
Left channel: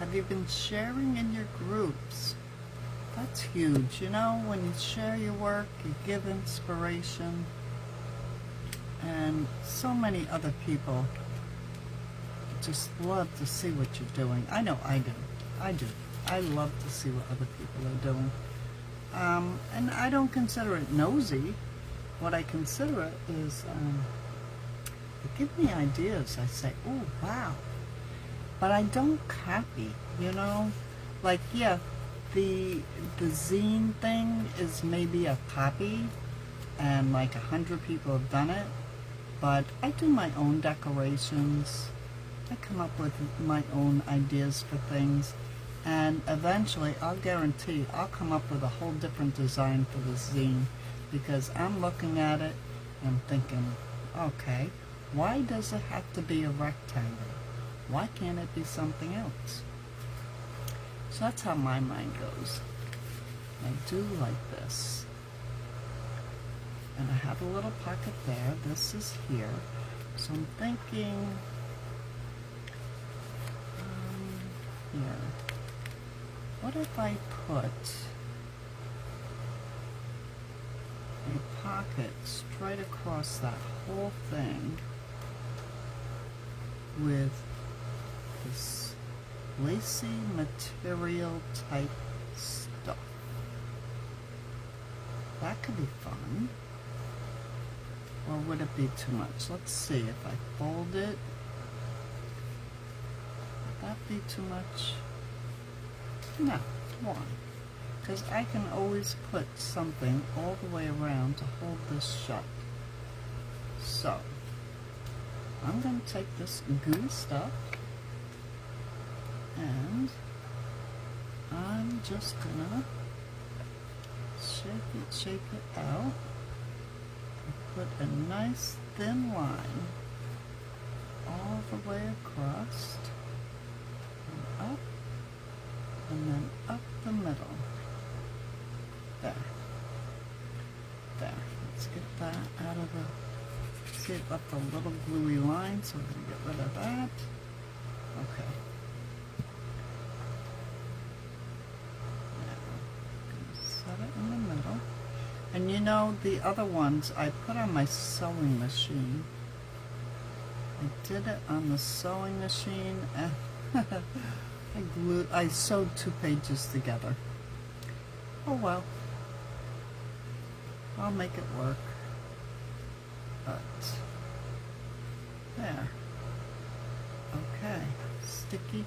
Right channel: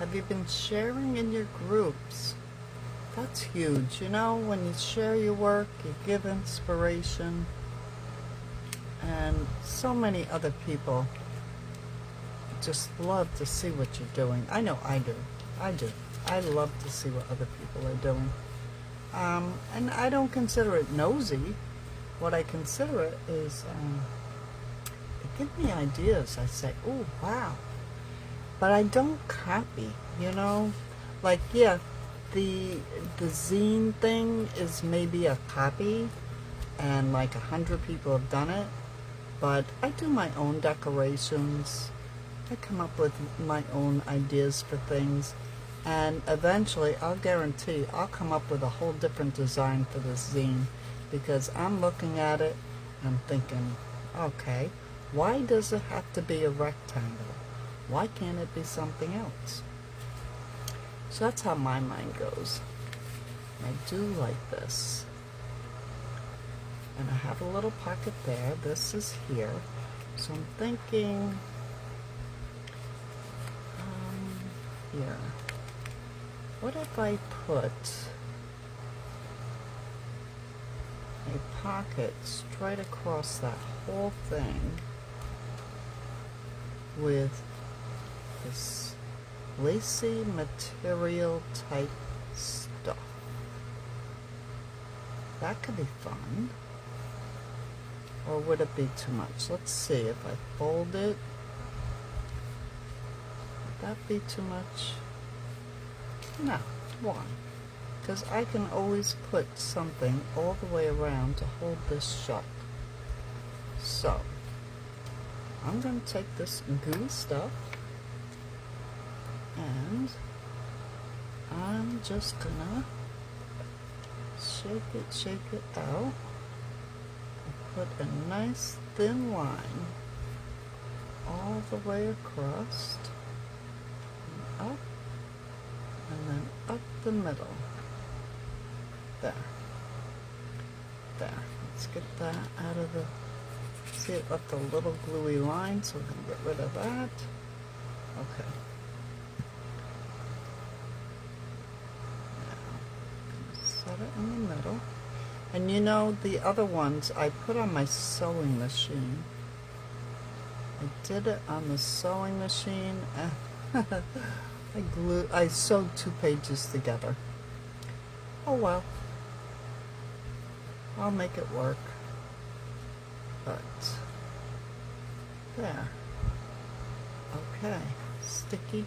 Have you been sharing in your groups? That's huge, you know, when you share your work, you give inspiration, and so many other people just love to see what you're doing. I know I do. I love to see what other people are doing. And I don't consider it nosy. What I consider it is, they give me ideas. I say, oh, wow. But I don't copy, you know? Like, yeah, the zine thing is maybe a copy, and like 100 people have done it, but I do my own decorations. I come up with my own ideas for things, and eventually, I'll guarantee, I'll come up with a whole different design for this zine, because I'm looking at it, I'm thinking, okay, why does it have to be a rectangle? Why can't it be something else? So that's how my mind goes. I do like this. And I have a little pocket there. This is here. So I'm thinking, here. What if I put a pocket straight across that whole thing with this lacy material type stuff? That could be fun. Or would it be too much? Let's see. If I fold it, would that be too much? No, one. Because I can always put something all the way around to hold this shut. So, I'm going to take this gooey stuff, and I'm just gonna shake it out, and put a nice thin line all the way across, and up, and then up the middle. There. Let's get that out of the, see it left a little gluey line, so we're going to get rid of that. Okay. Set it in the middle. And you know, the other ones I put on my sewing machine. I did it on the sewing machine, and I sewed 2 pages together. Oh well. I'll make it work. But there. Okay. Sticky.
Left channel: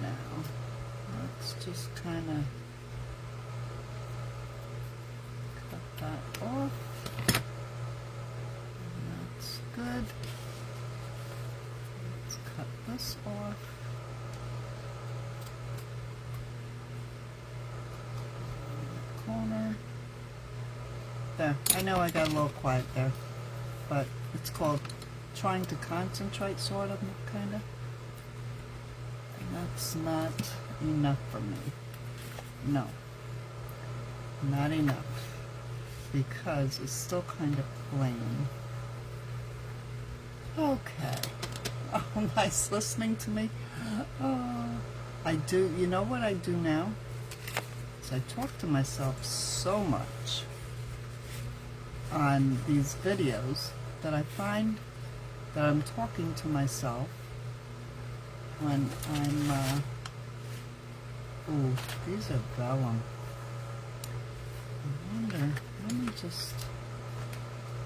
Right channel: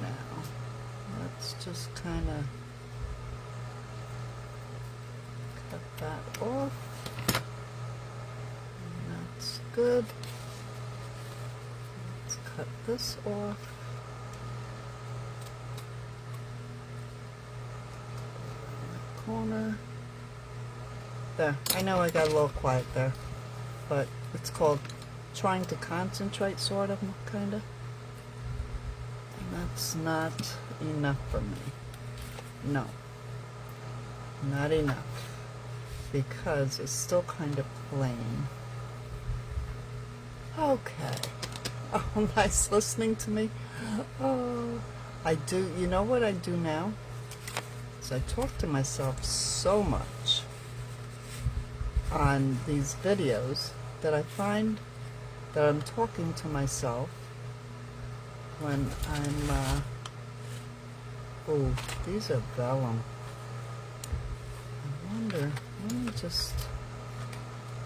Now, let's just kind of cut that off. And that's good. Let's cut this off. Corner. There. I know I got a little quiet there, but it's called trying to concentrate, sort of, kind of. And that's not enough for me. No. Not enough. Because it's still kind of plain. Okay. Oh, nice listening to me. Oh, I do. You know what I do now? I talk to myself so much on these videos that I find that I'm talking to myself when I'm, oh, these are vellum. I wonder,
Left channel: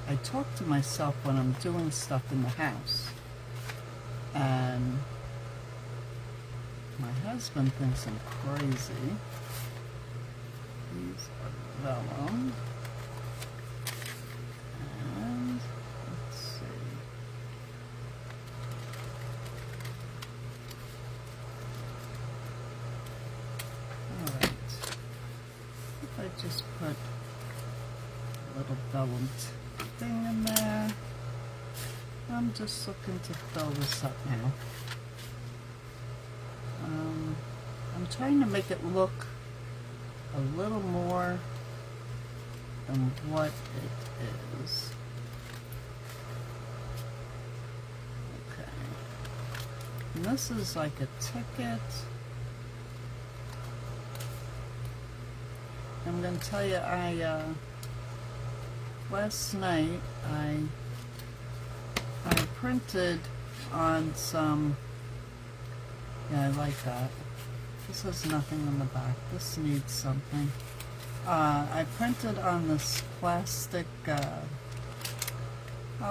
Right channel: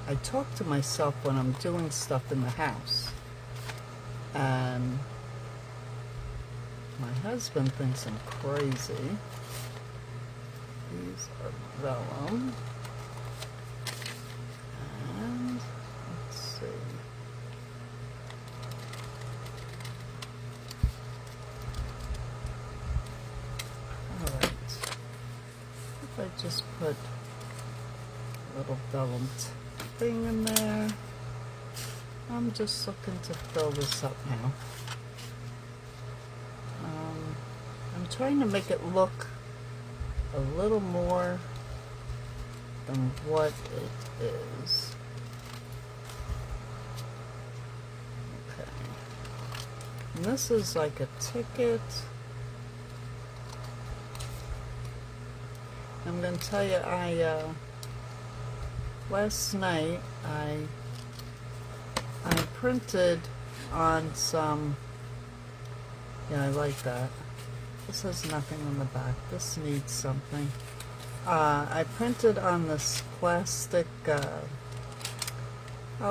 I talk to myself when I'm doing stuff in the house, and my husband thinks I'm crazy. These are vellum. And let's see. Alright. If I just put a little vellum thing in there. I'm just looking to fill this up now. I'm trying to make it look a little more than what it is. Okay. And this is like a ticket. I'm going to tell you, last night I printed on some, yeah, I like that. This has nothing in the back. This needs something. I printed on this plastic,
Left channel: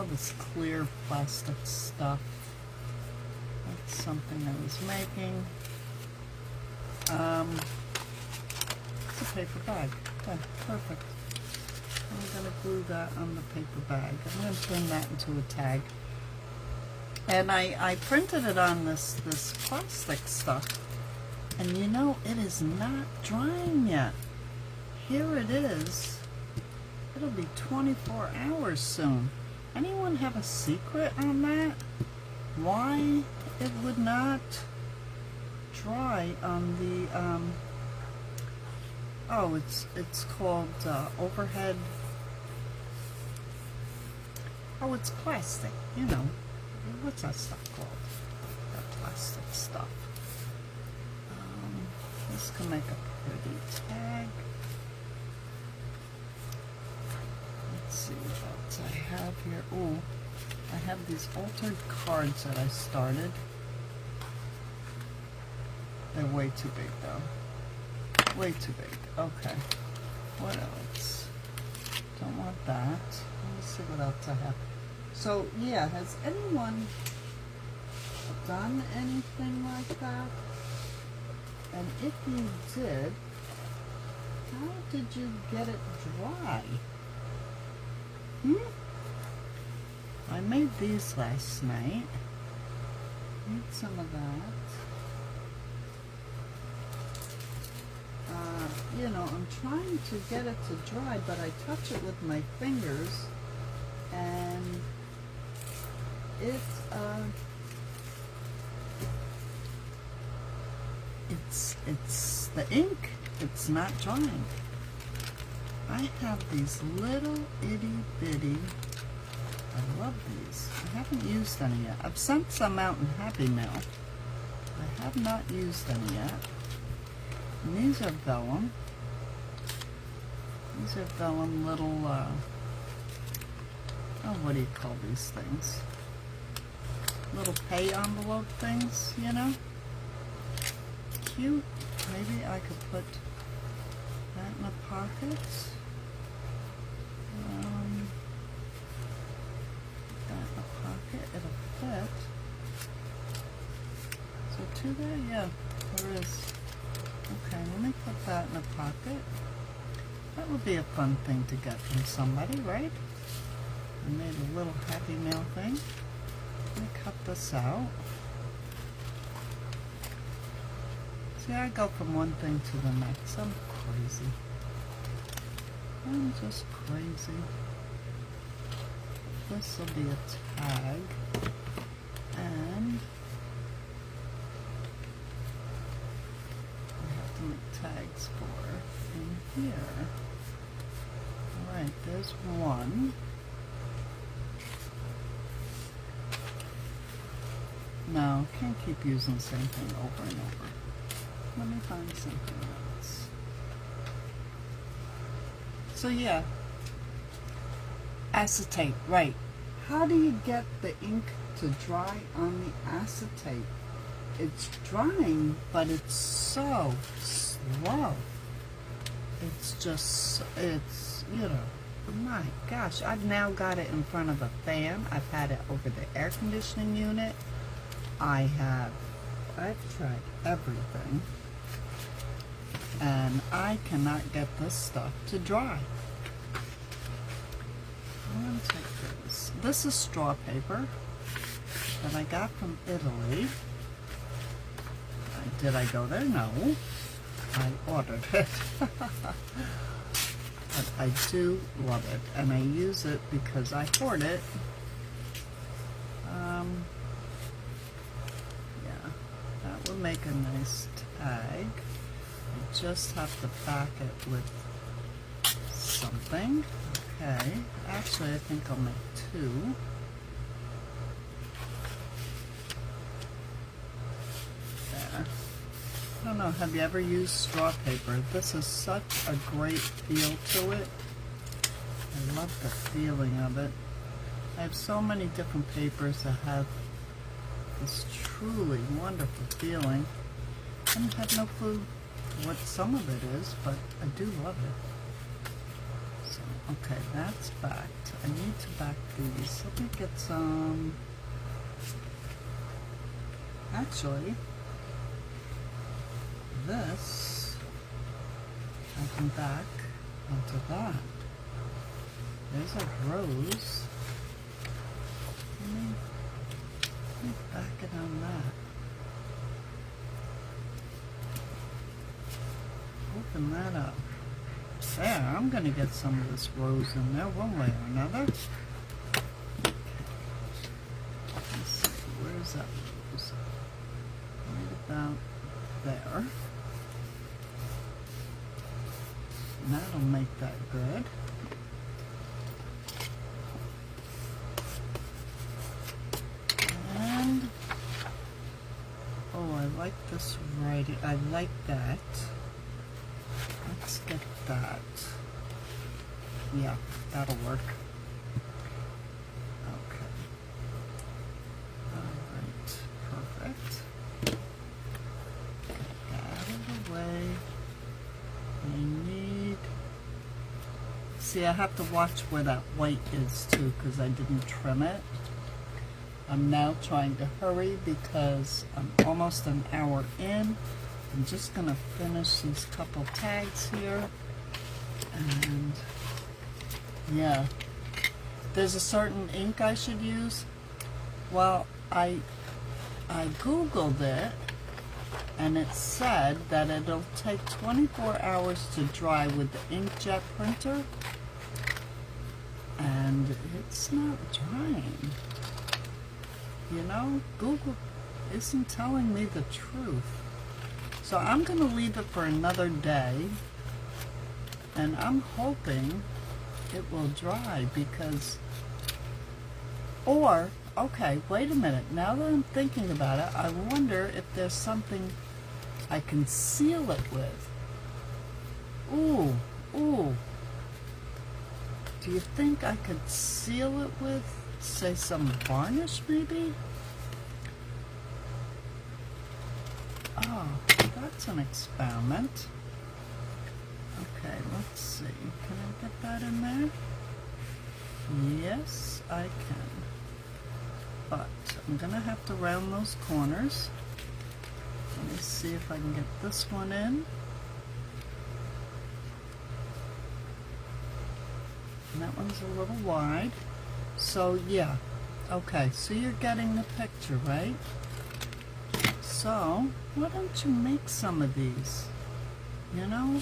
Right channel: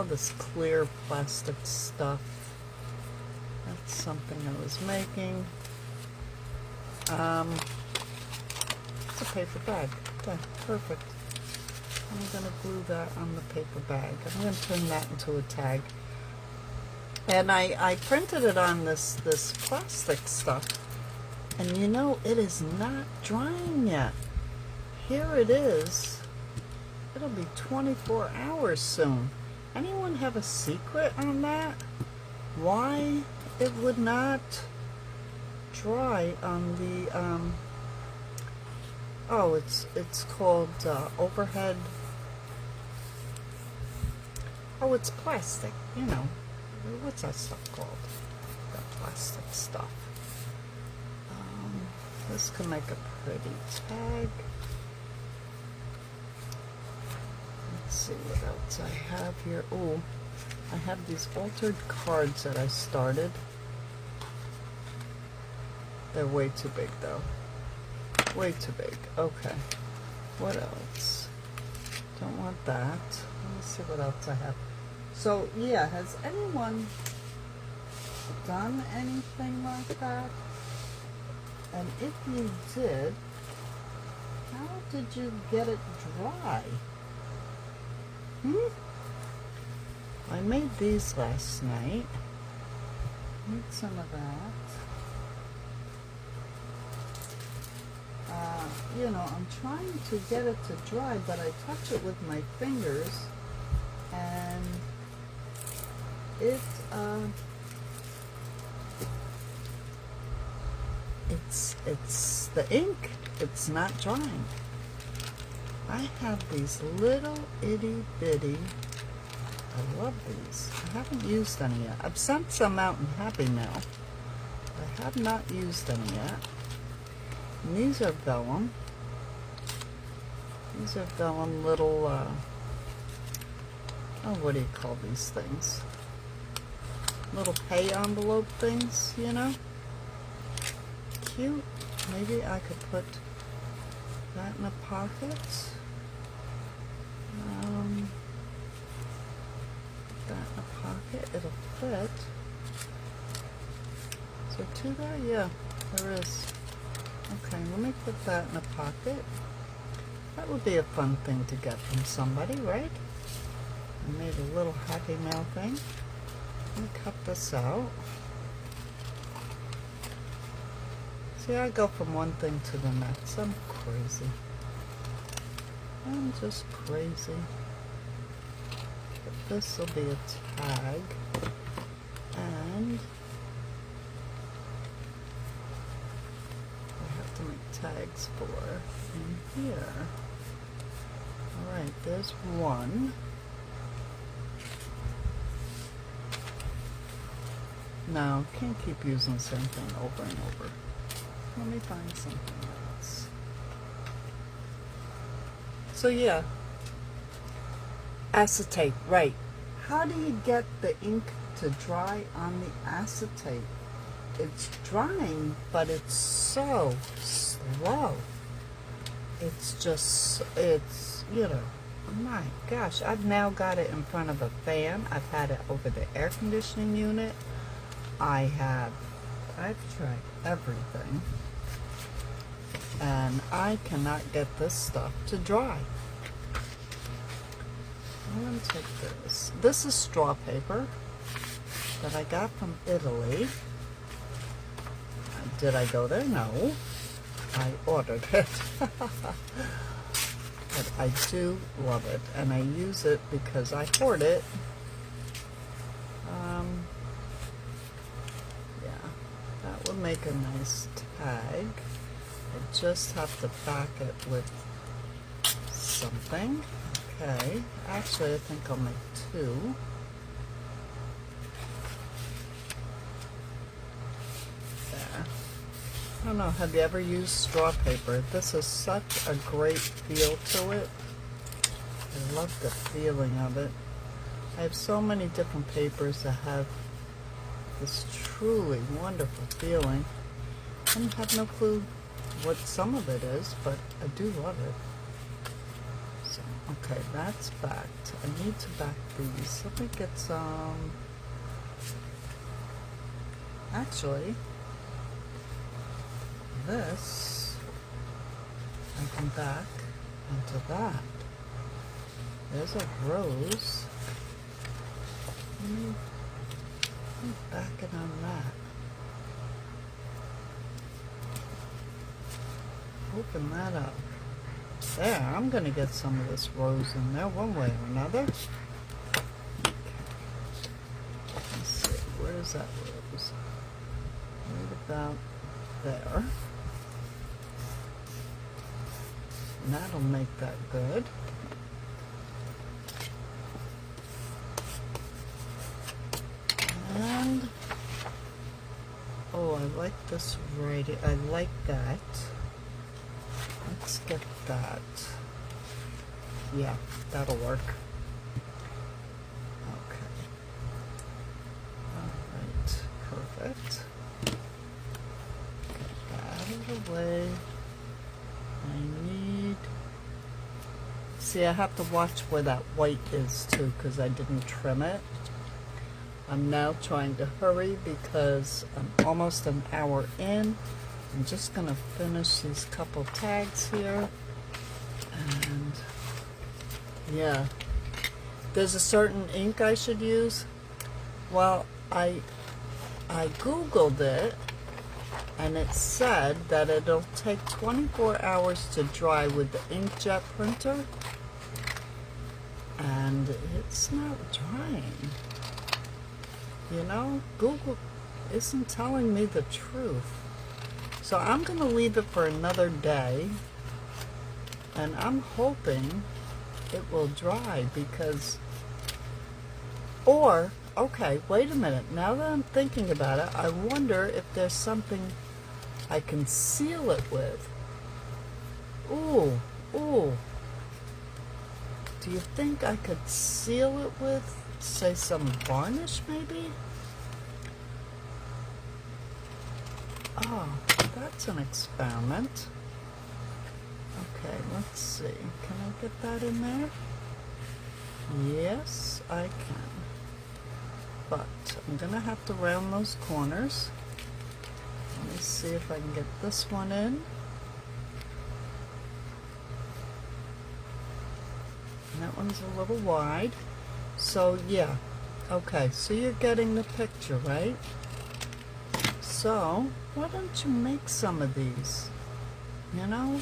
this clear plastic stuff. That's something I was making. It's a paper bag. Yeah, perfect. I'm going to glue that on the paper bag. I'm going to turn that into a tag. And I printed it on this plastic stuff. And you know, it is not drying yet. Here it is. It'll be 24 hours soon. Anyone have a secret on that? Why it would not dry on the, it's called overhead. Oh, it's plastic, you know. What's that stuff called? That plastic stuff. This can make a pretty tag. Let's see what else I have here. Oh, I have these altered cards that I started. They're way too big though. Way too big. Okay. What else? Don't want that. Let's see what else I have. So yeah, has anyone done anything like that? And if you did, how did you get it dry? I made these last night. Made some of that. You know, I'm trying to get it to dry, but I touch it with my fingers, and it's the ink. It's not drying. I have these little itty bitty. I love these. I haven't used any yet. I've sent some out in Happy Mail. I have not used any yet. And these are vellum. These are vellum little, what do you call these things? Little pay envelope things, you know? Cute. Maybe I could put that in a pocket. That in a pocket. It'll fit. Is there two there? Yeah, there is. Okay, let me put that in a pocket. That would be a fun thing to get from somebody, right? I made a little Happy Mail thing. Let me cut this out. See, I go from one thing to the next. I'm crazy. I'm just crazy. But this will be a tag. And I have to make tags for in here. Alright, there's one. No, can't keep using the same thing over and over. Let me find something else. So yeah, acetate, right. How do you get the ink to dry on the acetate? It's drying, but it's so slow. It's just, you know, my gosh. I've now got it in front of a fan. I've had it over the air conditioning unit. I've tried everything, and I cannot get this stuff to dry. I'm going to take this. This is straw paper that I got from Italy. Did I go there? No. I ordered it. But I do love it, and I use it because I hoard it. Make a nice tag. I just have to back it with something. Okay, actually I think I'll make two. There. I don't know, have you ever used straw paper? This is such a great feel to it. I love the feeling of it. I have so many different papers that have this truly wonderful feeling. I have no clue what some of it is, but I do love it. So, okay, that's backed. I need to back these. Let me get some. Actually, this I can back onto that. There's a rose. Let me back it on that. Open that up. There, I'm going to get some of this rose in there one way or another. Okay. Let's see, where's that rose? Right about there. And that'll make that good. And, oh, I like this right. I like that. Let's get that. Yeah, that'll work. Okay. Alright, perfect. Get that out of the way. I need... See, I have to watch where that white is too, because I didn't trim it. I'm now trying to hurry because I'm almost an hour in. I'm just going to finish these couple tags here. And yeah, there's a certain ink I should use. Well, I Googled it, and it said that it'll take 24 hours to dry with the inkjet printer, and it's not drying. You know, Google isn't telling me the truth. So I'm going to leave it for another day, and I'm hoping it will dry because, or, okay, wait a minute, now that I'm thinking about it, I wonder if there's something I can seal it with. Ooh, ooh. Do you think I could seal it with, say, some varnish maybe? Oh, that's an experiment. Okay, let's see. Can I get that in there? Yes, I can. But I'm going to have to round those corners. Let me see if I can get this one in. And that one's a little wide. So, yeah. Okay, so you're getting the picture, right? So, why don't you make some of these? You know,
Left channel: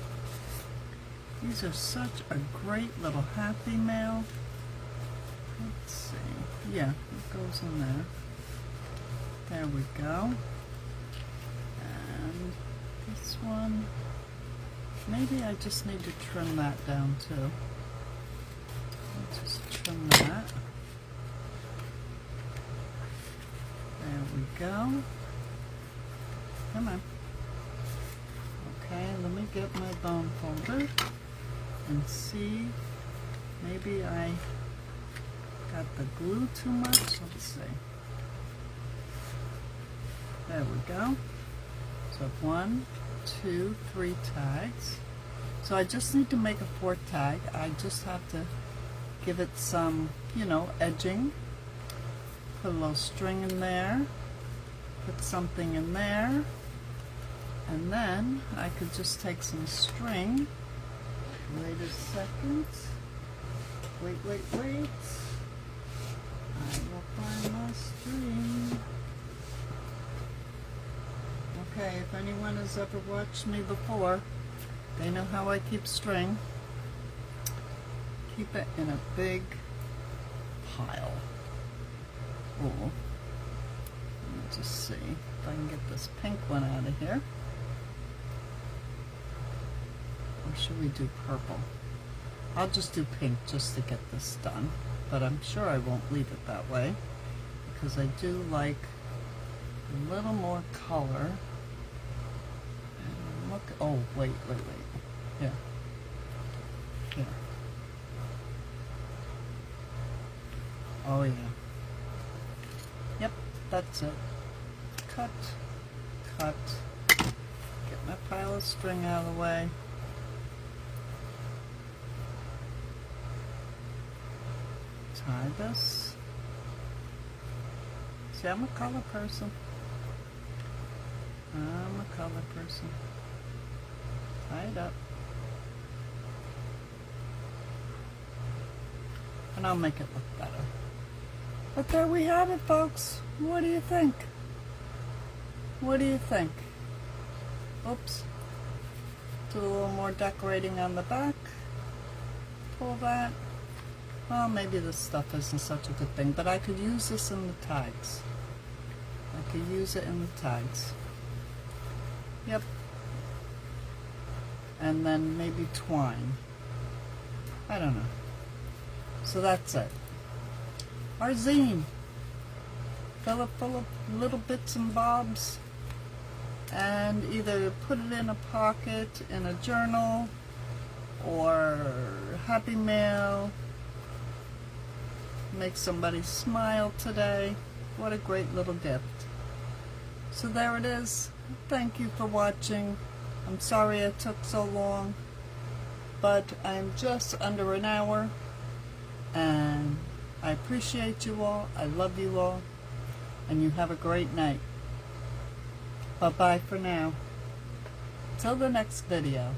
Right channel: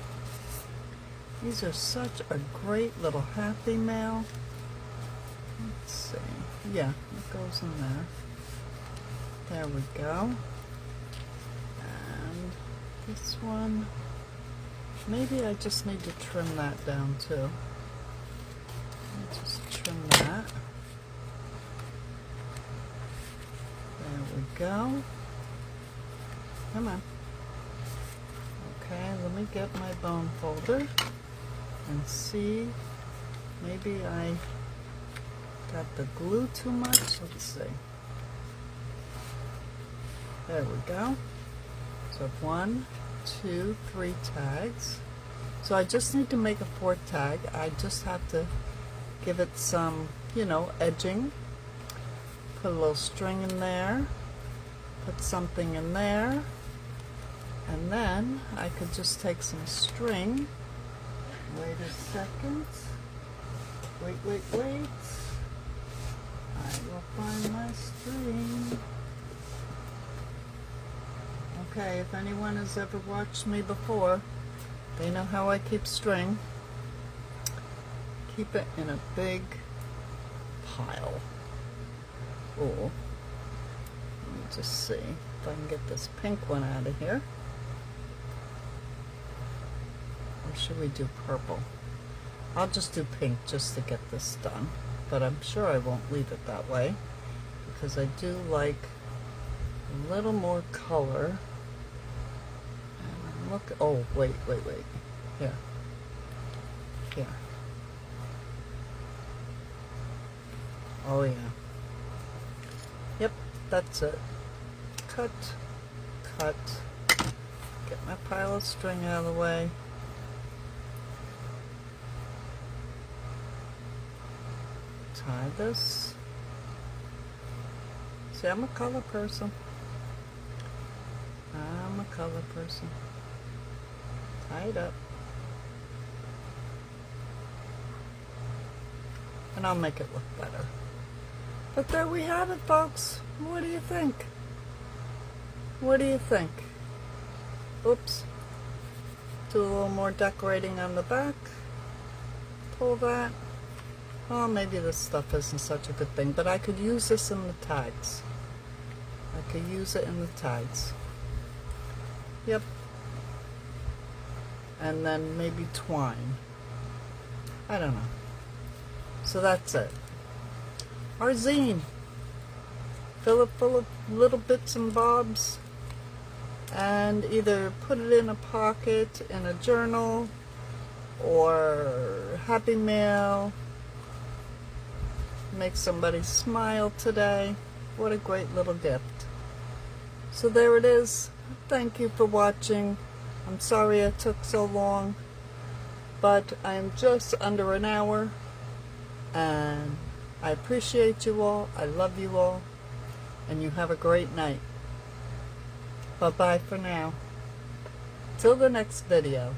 these are such a great little happy mail. Let's see. Yeah, it goes in there. There we go. And this one, maybe I just need to trim that down too. I'll just trim that. There we go. Come on. Okay, let me get my bone folder and see. Maybe I got the glue too much. Let's see. There we go. So 1, 2, 3 tags. So I just need to make a 4th tag. I just have to give it some, you know, edging. Put a little string in there. Put something in there. And then I could just take some string. Wait a second. Wait. I will find my string. Okay, if anyone has ever watched me before, they know how I keep string. Keep it in a big pile. Oh, let me just see if I can get this pink one out of here. Or should we do purple? I'll just do pink just to get this done. But I'm sure I won't leave it that way, because I do like a little more color. And look, oh, wait. Here. Here. Oh, yeah. Yep, that's it. Cut. Get my pile of string out of the way. Tie this. See, I'm a color person. Tie it up. And I'll make it look better. But there we have it, folks. What do you think? Oops. Do a little more decorating on the back. Pull that. Well, maybe this stuff isn't such a good thing, but I could use this in the tags. Yep. And then maybe twine. I don't know. So that's it. Our zine. Fill it full of little bits and bobs. And either put it in a pocket, in a journal, or Happy Mail. Make somebody smile today. What a great little gift. So there it is. Thank you for watching. I'm sorry it took so long, but I am just under an hour, and I appreciate you all. I love you all, and you have a great night. Bye-bye for now. Till the next video.